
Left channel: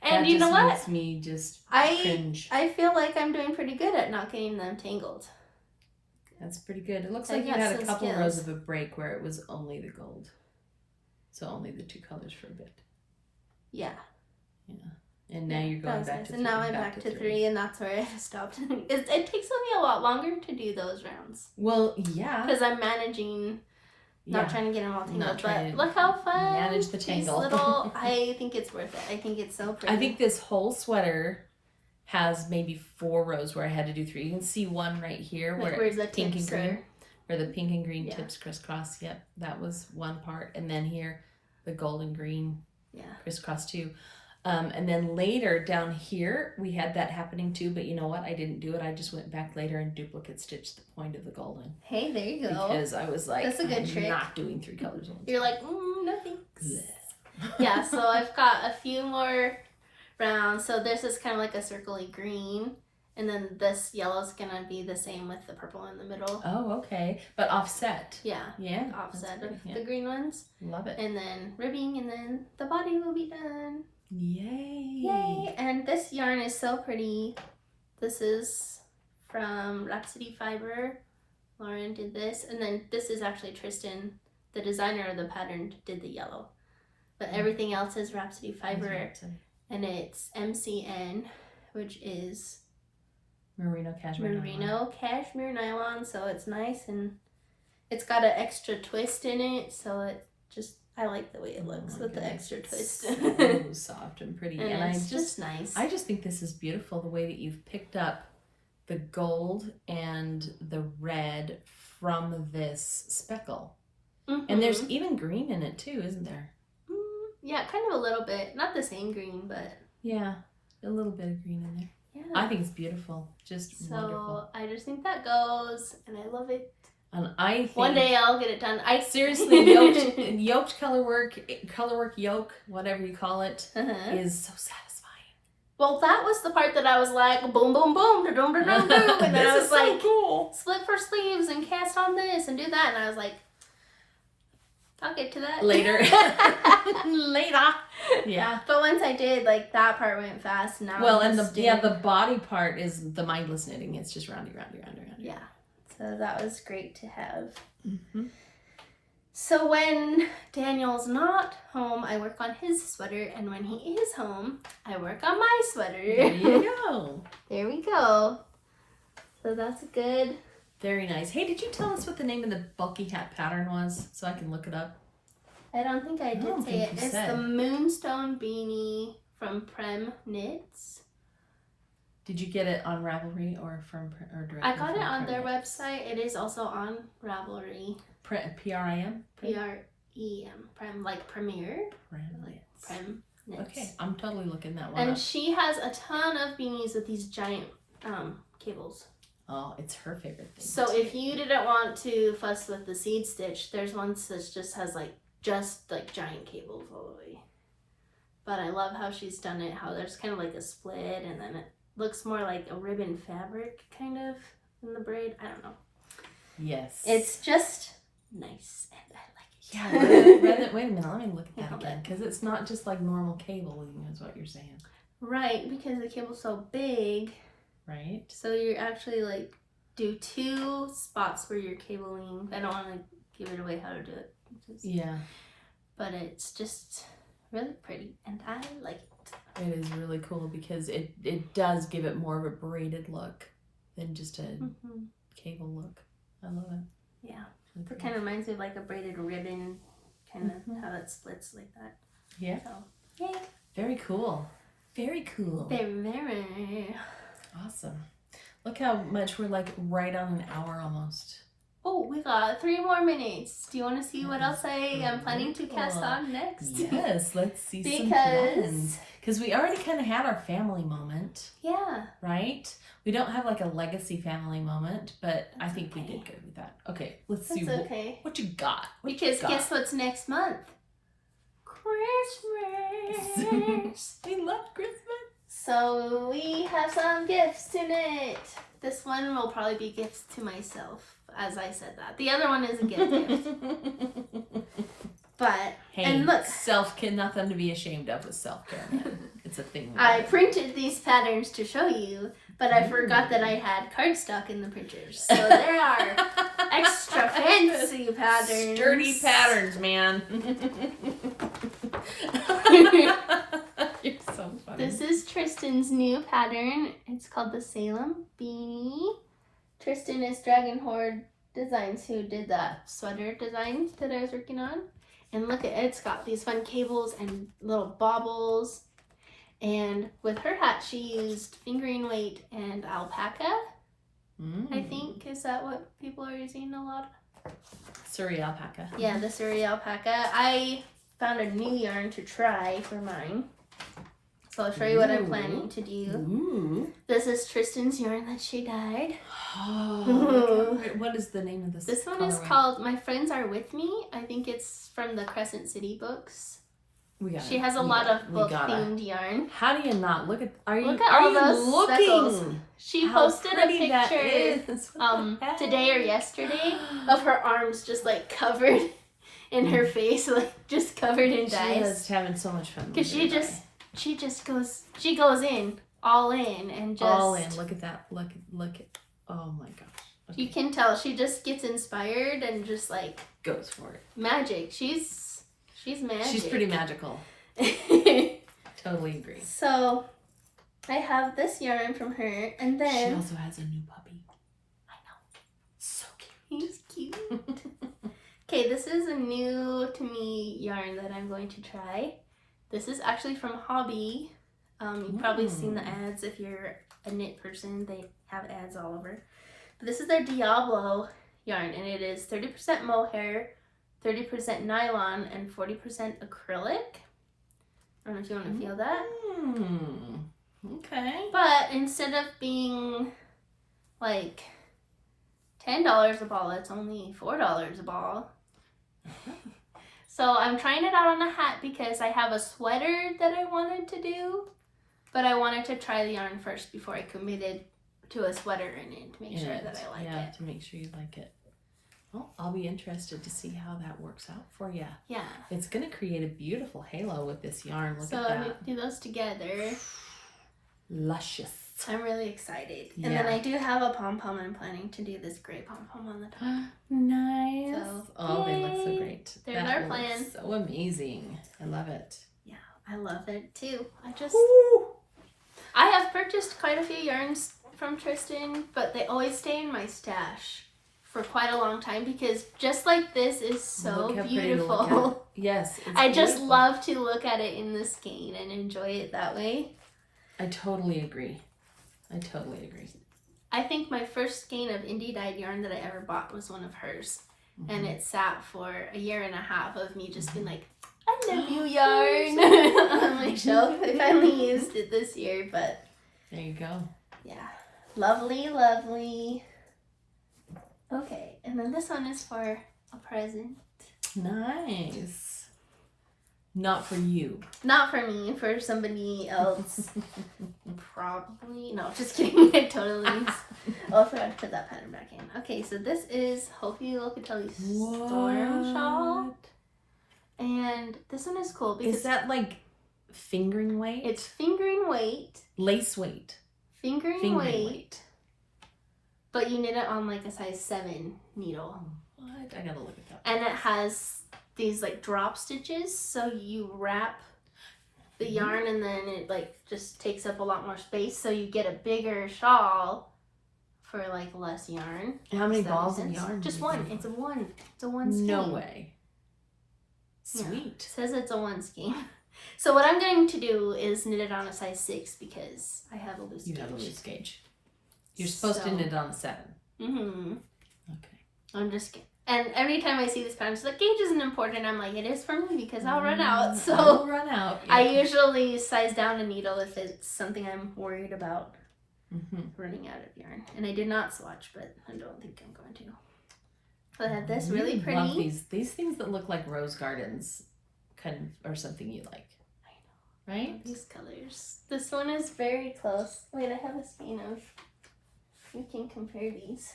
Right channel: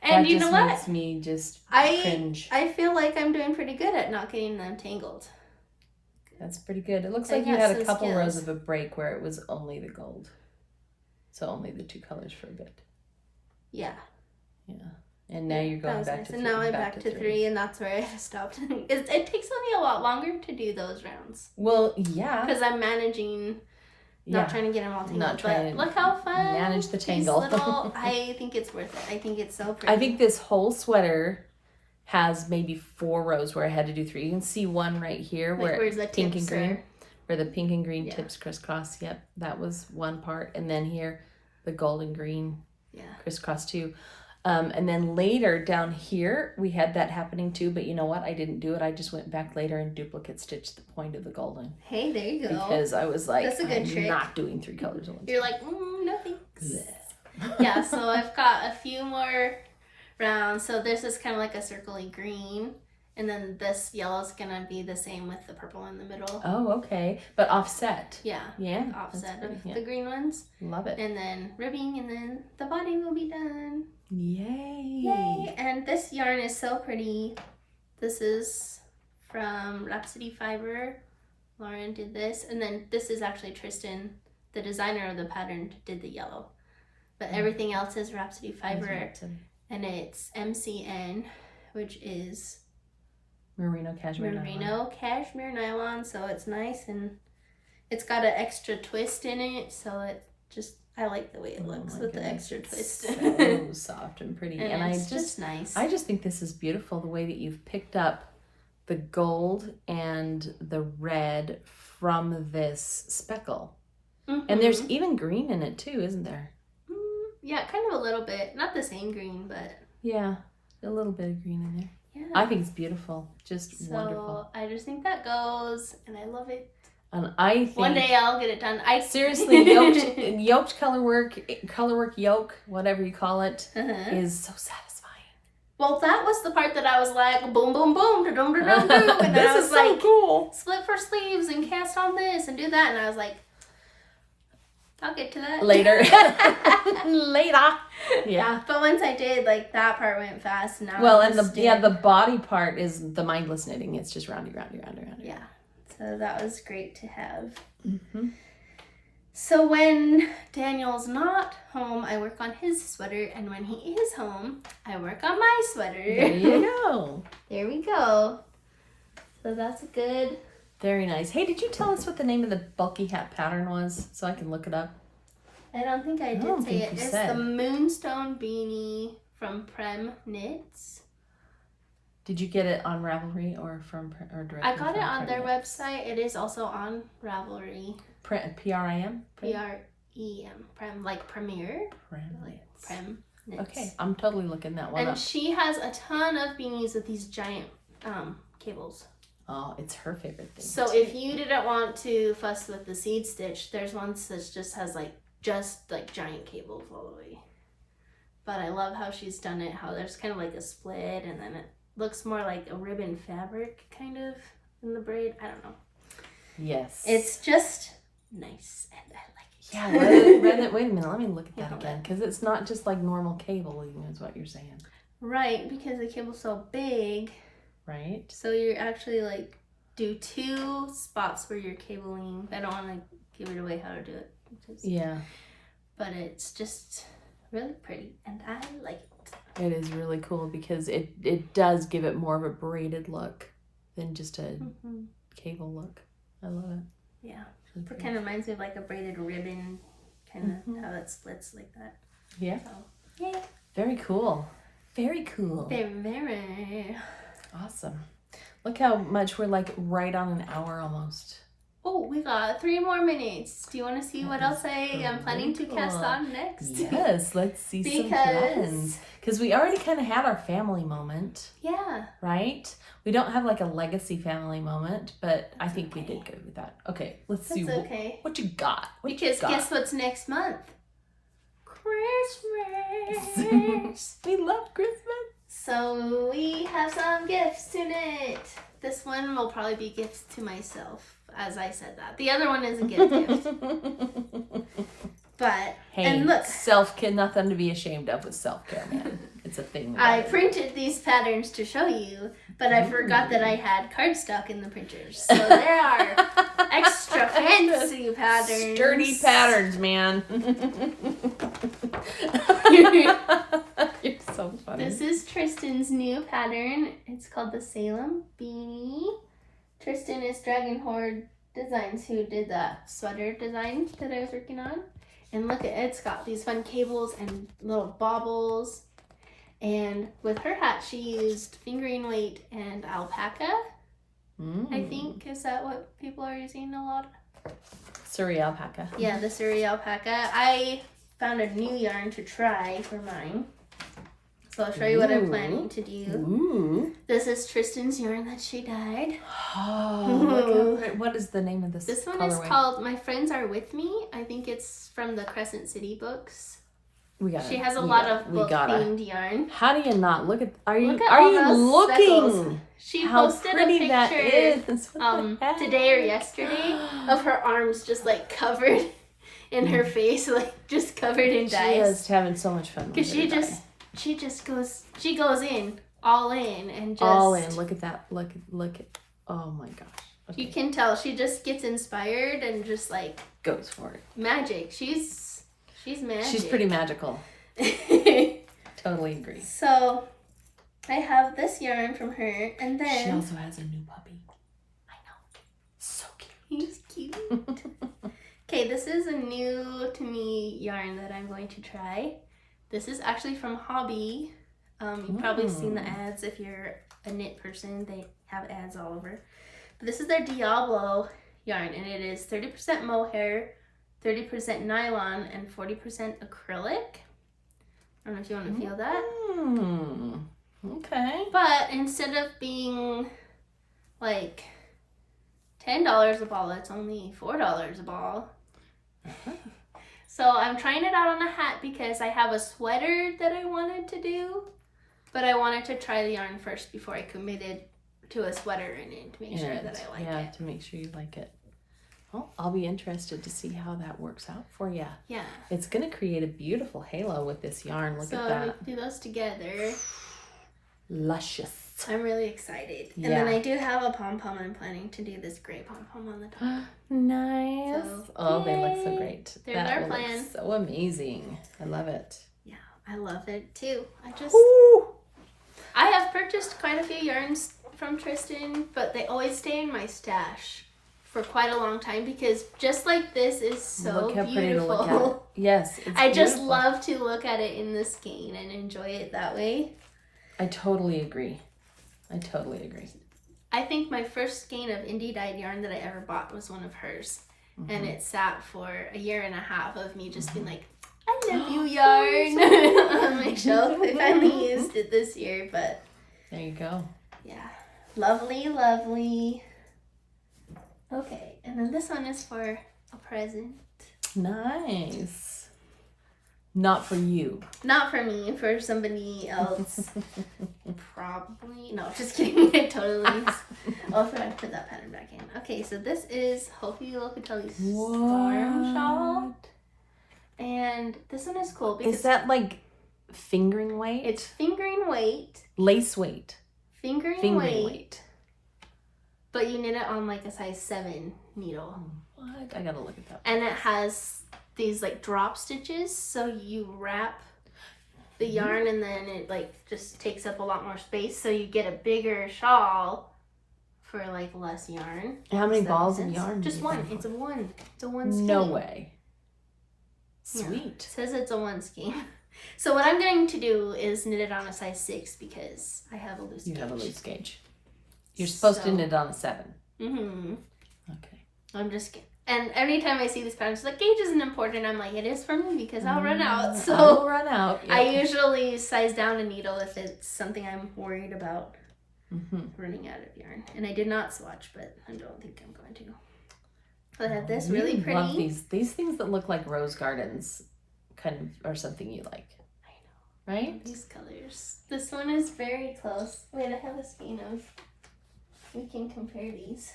And you know what? That just makes me just cringe. I feel like I'm doing pretty good at not getting them tangled. That's pretty good. It looks like you had a couple rows of a break where it was only the gold. So only the 2 colors for a bit. Yeah. Yeah. And now you're that going was back nice. to And 3. now I'm back to 3, and that's where I stopped. It takes me a lot longer to do those rounds. Well, yeah. Because I'm managing, not trying to get them all tangled. But look how fun. Manage the tangle. These little, I think it's worth it. I think it's so pretty. I think this whole sweater has maybe 4 rows where I had to do 3. You can see one right here like where where's the pink and tips green, where the pink and green Yeah. tips crisscross. Yep, that was one part. And then here, the golden green crisscross too. And then later down here, we had that happening too, but you know what? I didn't do it. I just went back later and duplicate stitched the point of the golden. Hey, there you go. Because I was like, that's a good trick. Not doing 3 colors at once. You're like, no thanks. Yeah, so I've got a few more rounds. So this is kind of like a circly green. And then this yellow is going to be the same with the purple in the middle. Oh, okay. But offset. Yeah. Yeah. Offset of the green ones. Love it. And then ribbing, and then the body will be done. Yay. Yay. And this yarn is so pretty. This is from Rhapsody Fiber. Lauren did this. And then this is actually Tristan, the designer of the pattern, did the yellow. But everything else is Rhapsody Fiber. And it's MCN, which is Merino cashmere nylon. So it's nice, and it's got an extra twist in it. So it just, I like the way it looks with the extra twist. So soft and pretty. And it's just nice. I just think this is beautiful, the way that you've picked up the gold and the red from this speckle. Mm-hmm. And there's even green in it too, isn't there? Yeah, kind of a little bit. Not the same green, but... Yeah, a little bit of green in there. Yeah. I think it's beautiful. Just wonderful. So I just think that goes, and I love it. And I think... One day I'll get it done. Seriously, yoked color work yoke, whatever you call it, is so satisfying. Well, that was the part that I was like, boom, boom, boom, da-dum, da-dum, da-dum. And then I was like, cool. Split for sleeves and cast on this and do that. And I was like, I'll get to that later. Later. Yeah. But once I did, like, that part went fast. Now well, and the body part is the mindless knitting. It's just roundy. Yeah. So that was great to have. Mm-hmm. So when Daniel's not home, I work on his sweater, and when he is home, I work on my sweater. There you go. There we go. So that's good. Very nice. Hey, did you tell us what the name of the bulky hat pattern was so I can look it up? I don't think I did say it. It's the Moonstone beanie from Prem Knits. Did you get it on Ravelry or directly? I got it on their website. It is also on Ravelry. PRIM? PREM. Prem, like Premier. Prem Knits. Okay, I'm totally looking that one and up. she has a ton of beanies with these giant cables. Oh, it's her favorite thing. So if you didn't want to fuss with the seed stitch, there's ones that just has like giant cables all the way. But I love how she's done it, how there's kind of like a split, and then it looks more like a ribbon fabric kind of in the braid. I don't know. Yes. It's just nice, and I like it. Yeah, wait a minute, let me look at that again, because it's not just like normal cable, even is what you're saying. Right, because the cable's so big. Right. So you're actually like do 2 spots where you're cabling. I don't want to give it away how to do it. Yeah. But it's just really pretty, and I like it. It is really cool because it does give it more of a braided look than just a cable look. I love it. Yeah. It kind of reminds me of like a braided ribbon, kind of how it splits like that. Yeah. So, yay. Very cool. Very cool. Very. Awesome. Look how much we're like right on an hour almost. Oh, we got 3 more minutes. Do you want to see what else I am planning to cast on next? Yes, let's see some plans. Because we already kind of had our family moment. Yeah. Right? We don't have like a legacy family moment, but I think we did good with that. Okay, let's see what you got. Guess what's next month? Christmas. We love Christmas. So we have some gifts to knit. This one will probably be gifts to myself, as I said that. The other one is a gift. But, hey, and look. Self-care, nothing to be ashamed of with self-care, man. It's a thing. I printed these patterns to show you, but I forgot that I had cardstock in the printers. So there are extra fancy patterns. Sturdy patterns, man. You're so funny. This is Trysten's new pattern. It's called the Salem Beanie. Trysten is Dragon Horde Designs, who did that sweater design that I was working on. And look at it, it's got these fun cables and little baubles. And with her hat, she used fingering weight and alpaca. I think, is that what people are using a lot? Surrey alpaca. Yeah, the Surrey alpaca. I found a new yarn to try for mine. So I'll show you what I'm planning to do. Ooh. This is Trysten's yarn that she dyed. Oh, what is the name of this? This one is called My Friends Are With Me. I think it's from the Crescent City books. She has a lot of book-themed yarn. How do you not look at? Look at all those speckles. She posted a picture today or yesterday of her arms just like covered in her face, like just covered in dyes. She is having so much fun. Because she goes in, all in, and just all in. Look at that. Look at. Oh my gosh. Okay. You can tell she just gets inspired and just like goes for it. Magic. She's magic. She's pretty magical. Totally agree. So I have this yarn from her, and then she also has a new puppy. I know. So cute. He's cute. Okay, this is a new to me yarn that I'm going to try. This is actually from Hobby. You've probably seen the ads if you're a knit person. They have ads all over. But this is their Diablo yarn, and it is 30% mohair, 30% nylon, and 40% acrylic. I don't know if you want to feel that. Okay. But instead of being like $10 a ball, it's only $4 a ball. So I'm trying it out on a hat because I have a sweater that I wanted to do, but I wanted to try the yarn first before I committed to a sweater in it to make sure that I like it. Yeah, to make sure you like it. Well, I'll be interested to see how that works out for you. Yeah. It's going to create a beautiful halo with this yarn. Look at that. So we do those together. Luscious. I'm really excited. Yeah. And then I do have a pom-pom. I'm planning to do this gray pom-pom on the top. Nice. So, they look so great. There's our plan. So amazing. I love it. Yeah, I love it too. Ooh. I have purchased quite a few yarns from Trysten, but they always stay in my stash for quite a long time because just like this is so beautiful. Yes. I just love to look at it in the skein and enjoy it that way. I totally agree. I think my first skein of indie dyed yarn that I ever bought was one of hers. And it sat for a year and a half of me just being like, I love you yarn on my shelf. I finally used it this year, but there you go. Yeah. Lovely, lovely. Okay, and then this one is for a present. Nice. Not for you. Not for me, for somebody else. Probably. No, just kidding. I totally. I forgot to put that pattern back in. Okay, so this is Hopi Locatelli's Storm Shawl. And this one is cool because. Is that like fingering weight? It's fingering weight. Lace weight. Fingering weight. But you knit it on like a size 7 needle. What? I gotta look at that. And it has these like drop stitches, so you wrap the yarn and then it like just takes up a lot more space, so you get a bigger shawl for like less yarn. How many balls of yarn? Just one. It's a one skein. No way. Sweet. Yeah. It says it's a 1 skein. So what I'm going to do is knit it on a size 6 because I have a loose gauge. You have a loose gauge. You're supposed to knit on a 7. Mm-hmm. Okay. I'm just kidding. And every time I see this pattern, it's like, gauge isn't important. I'm like, it is for me because I'll run out. So I'll run out. Yeah. I usually size down a needle if it's something I'm worried about running out of yarn. And I did not swatch, but I don't think I'm going to. So I have this really pretty. Love these things that look like rose gardens kind of are something you like. I know. Right? These colors. This one is very close. Wait, I have a skein of. We can compare these.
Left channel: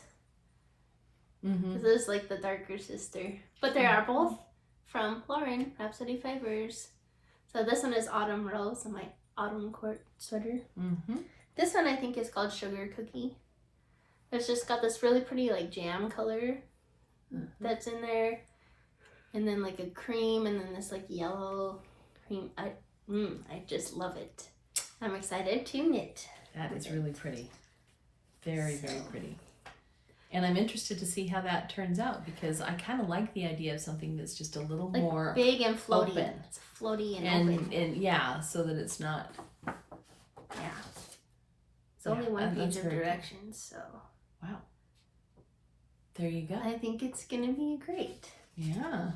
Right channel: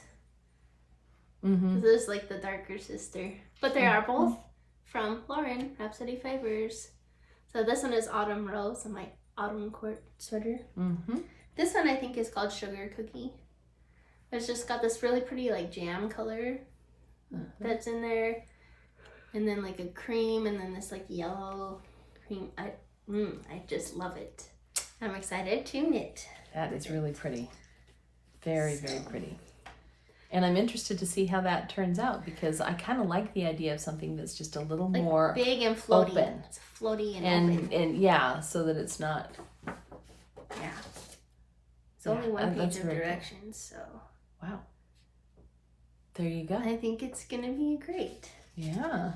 This is like the darker sister. But they are both from Lauren, Rhapsody Fibers. So this one is Autumn Rose and my Autumn Court sweater. This one I think is called Sugar Cookie. It's just got this really pretty like jam color that's in there. And then like a cream and then this like yellow cream. I just love it. I'm excited to knit. That is really pretty. Very, very pretty. And I'm interested to see how that turns out because I kind of like the idea of something that's just a little like more big and floaty. Open. It's floaty and open. And yeah, so that it's not. Yeah. It's only one page of directions, so. Wow. There you go. I think it's gonna be great. Yeah.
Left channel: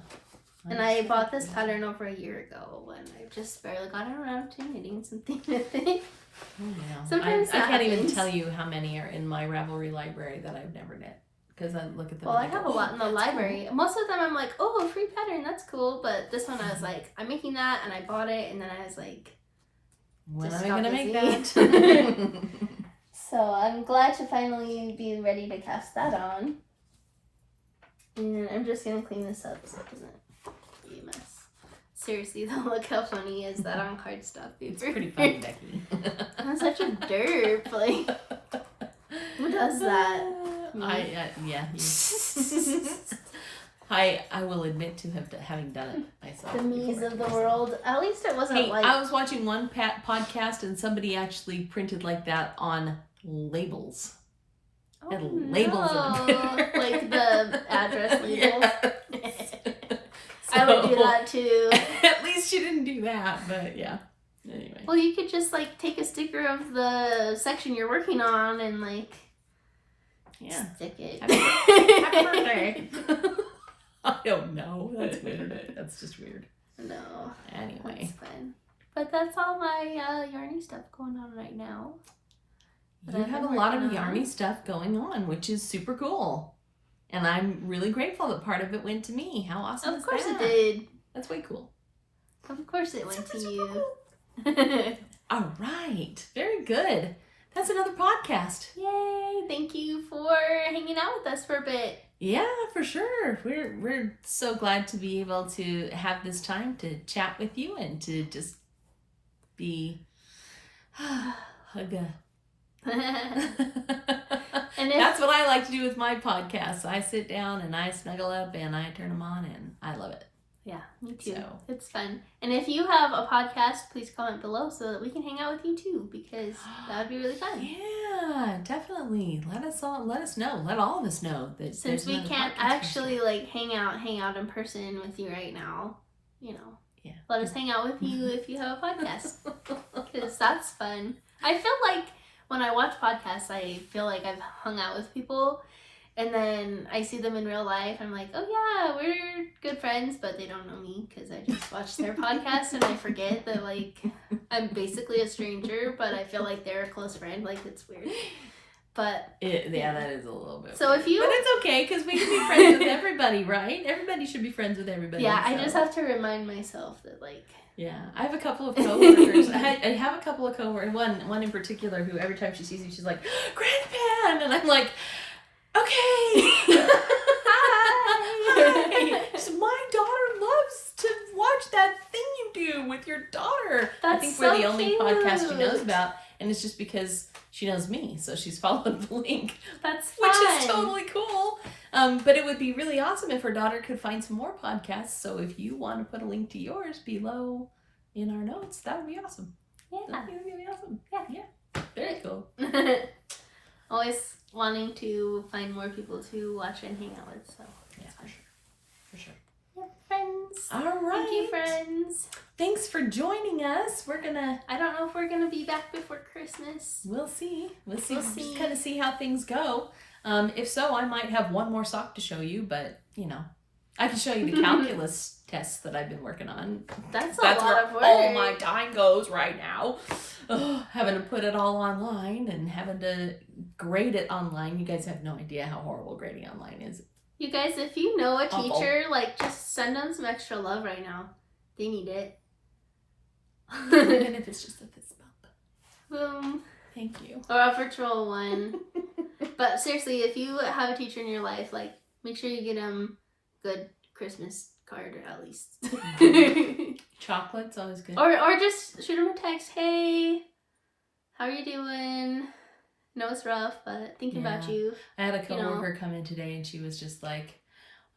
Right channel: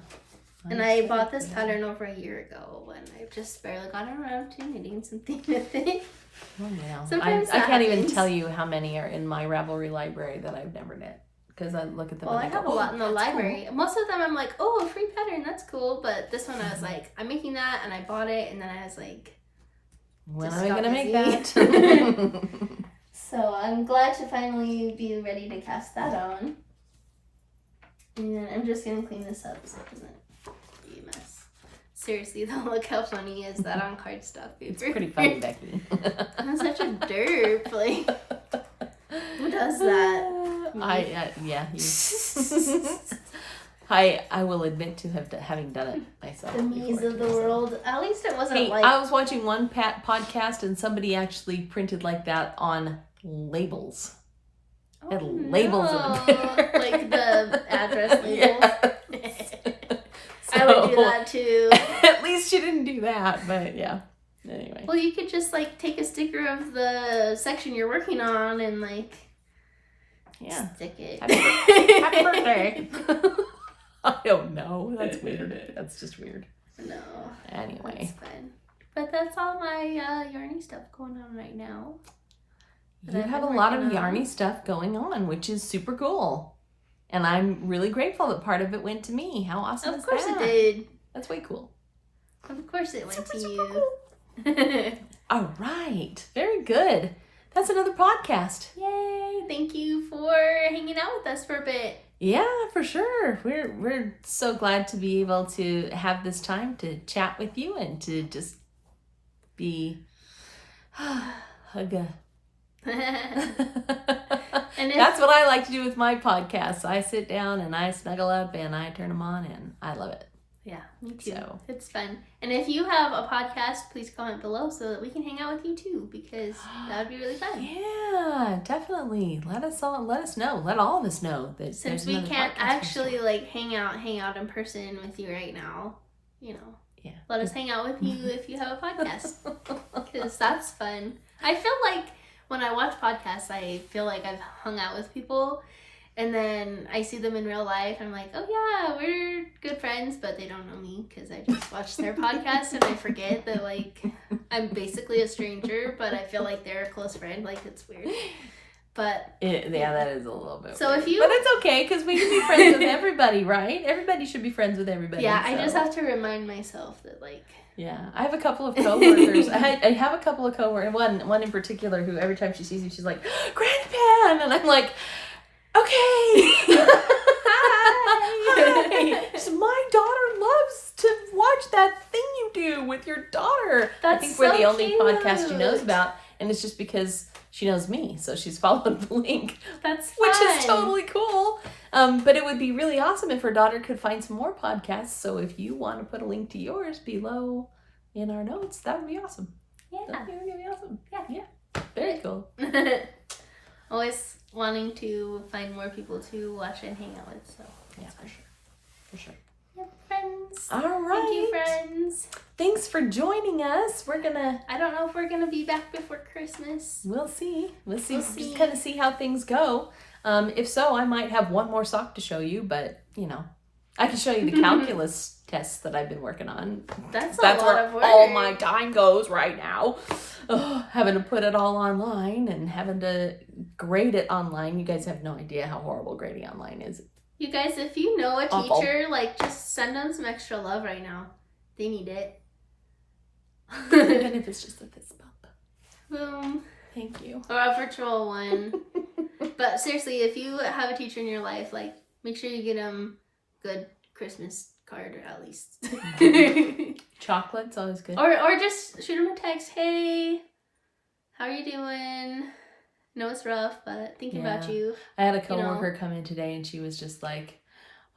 And I bought this pattern over a year ago when I've just barely gotten around to knitting something with it. Oh, yeah. Sometimes I can't even happens. tell you how many are in my Ravelry library that I've never knit because I look at them. Well, and I go, have a lot in the library. Cool. Most of them I'm like, oh, a free pattern, that's cool. But this one I was like, I'm making that, and I bought it, and then I was like, when just am I got going to busy. make that? So I'm glad to finally be ready to cast that on. And I'm just gonna clean this up so it doesn't be a mess. Seriously though, look how funny is that on cardstock paper. It's pretty funny, Becky. I'm such a derp. Like, who does that? Yeah. You. I will admit to having done it myself. The me's of the world. At least it wasn't Hey, like. I was watching one podcast and somebody actually printed like that on labels. Oh, Had labels in there. Like the address labels. Yes. I would do that too. At least she didn't do that, but yeah. Anyway. Well, you could just like take a sticker of the section you're working on and like stick it. Happy birthday. I don't know. That's weird. That's just weird. No. Anyway. That's fun. But that's all my yarny stuff going on right now. You have a lot of yarny stuff going on, which is super cool. And I'm really grateful that part of it went to me. How awesome is that? Of course it did. That's way cool. Of course it went to you. Cool. All right. Very good. That's another podcast. Yay. Thank you for hanging out with us for a bit. Yeah, for sure. We're so glad to be able to have this time to chat with you and to just be hugga. And that's what I like to do with my podcasts. I sit down and I snuggle up and I turn them on and I love it. Yeah, me too. So. It's fun. And if you have a podcast, please comment below so that we can hang out with you too, because that would be really fun. Yeah, definitely. Let us know. Let all of us know that since we can't actually like hang out in person with you right now, you know. Yeah. Let us hang out with you if you have a podcast, because that's fun. I feel like when I watch podcasts, I feel like I've hung out with people, and then I see them in real life. I'm like, oh yeah, we're good friends, but they don't know me because I just watched their podcast, and I forget that like I'm basically a stranger, but I feel like they're a close friend. Like, it's weird. But yeah, that is a little bit. So weird. if you, but it's okay because we can be friends with everybody, right? Everybody should be friends with everybody. Yeah, so. I just have to remind myself that like. Yeah, I have a couple of coworkers. I have a couple of coworkers. One in particular who every time she sees me, she's like, "Granny Pan," and I'm like, "Okay." Hi. So my daughter loves to watch that thing you do with your daughter. That's I think so we're the only cute. podcast she knows about, and it's just because she knows me, so she's followed the link. That's fun. Which is totally cool. But it would be really awesome if her daughter could find some more podcasts. So if you want to put a link to yours below in our notes, that would be awesome. Yeah. That would be really awesome. Yeah. Very cool. Always wanting to find more people to watch and hang out with. So yeah, for sure. Yep, friends. All right. Thank you, friends. Thanks for joining us. I don't know if we're gonna be back before Christmas. We'll see. We'll see. Just kind of see how things go. If so, I might have one more sock to show you, but you know, I can show you the calculus tests that I've been working on. That's a lot of work. All my time goes right now. Having to put it all online and having to grade it online. You guys have no idea how horrible grading online is. You guys, if you know a Awful. teacher, like, just send them some extra love right now. They need it. Even if it's just a fist bump. Boom. Thank you. Or a virtual one. But seriously, if you have a teacher in your life, like, make sure you get them good Christmas card, or at least. Chocolate's always good. Or just shoot them a text. Hey, how are you doing? No, it's rough, but thinking about you. I had a coworker come in today and she was just like,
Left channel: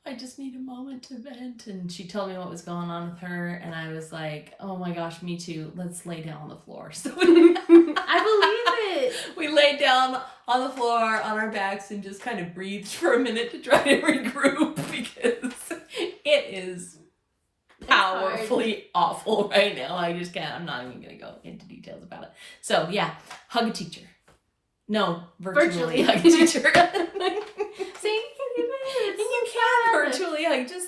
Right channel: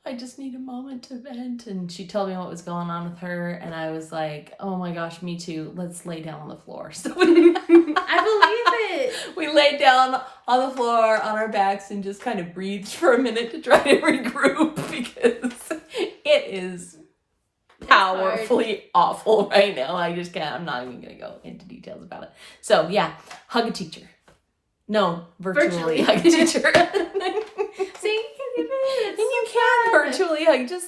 I just need a moment to vent. And she told me what was going on with her. And I was like, oh my gosh, me too. Let's lay down on the floor. So I believe it. We laid down on the floor on our backs and just kind of breathed for a minute to try to regroup because it is powerfully awful right now. I just can't. I'm not even going to go into details about it. So yeah, hug a teacher. No, virtually hug a teacher. So you can do it. You can virtually hug. Just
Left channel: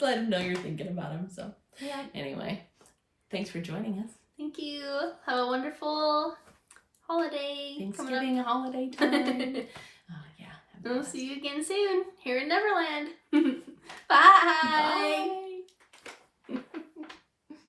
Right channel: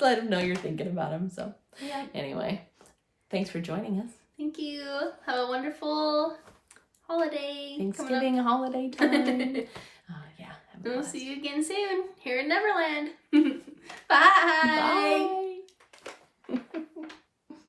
let him know you're thinking about him. So yeah. Anyway, thanks for joining us. Thank you. Have a wonderful holiday. Thanksgiving holiday time. Yeah. We'll see you again soon here in Neverland.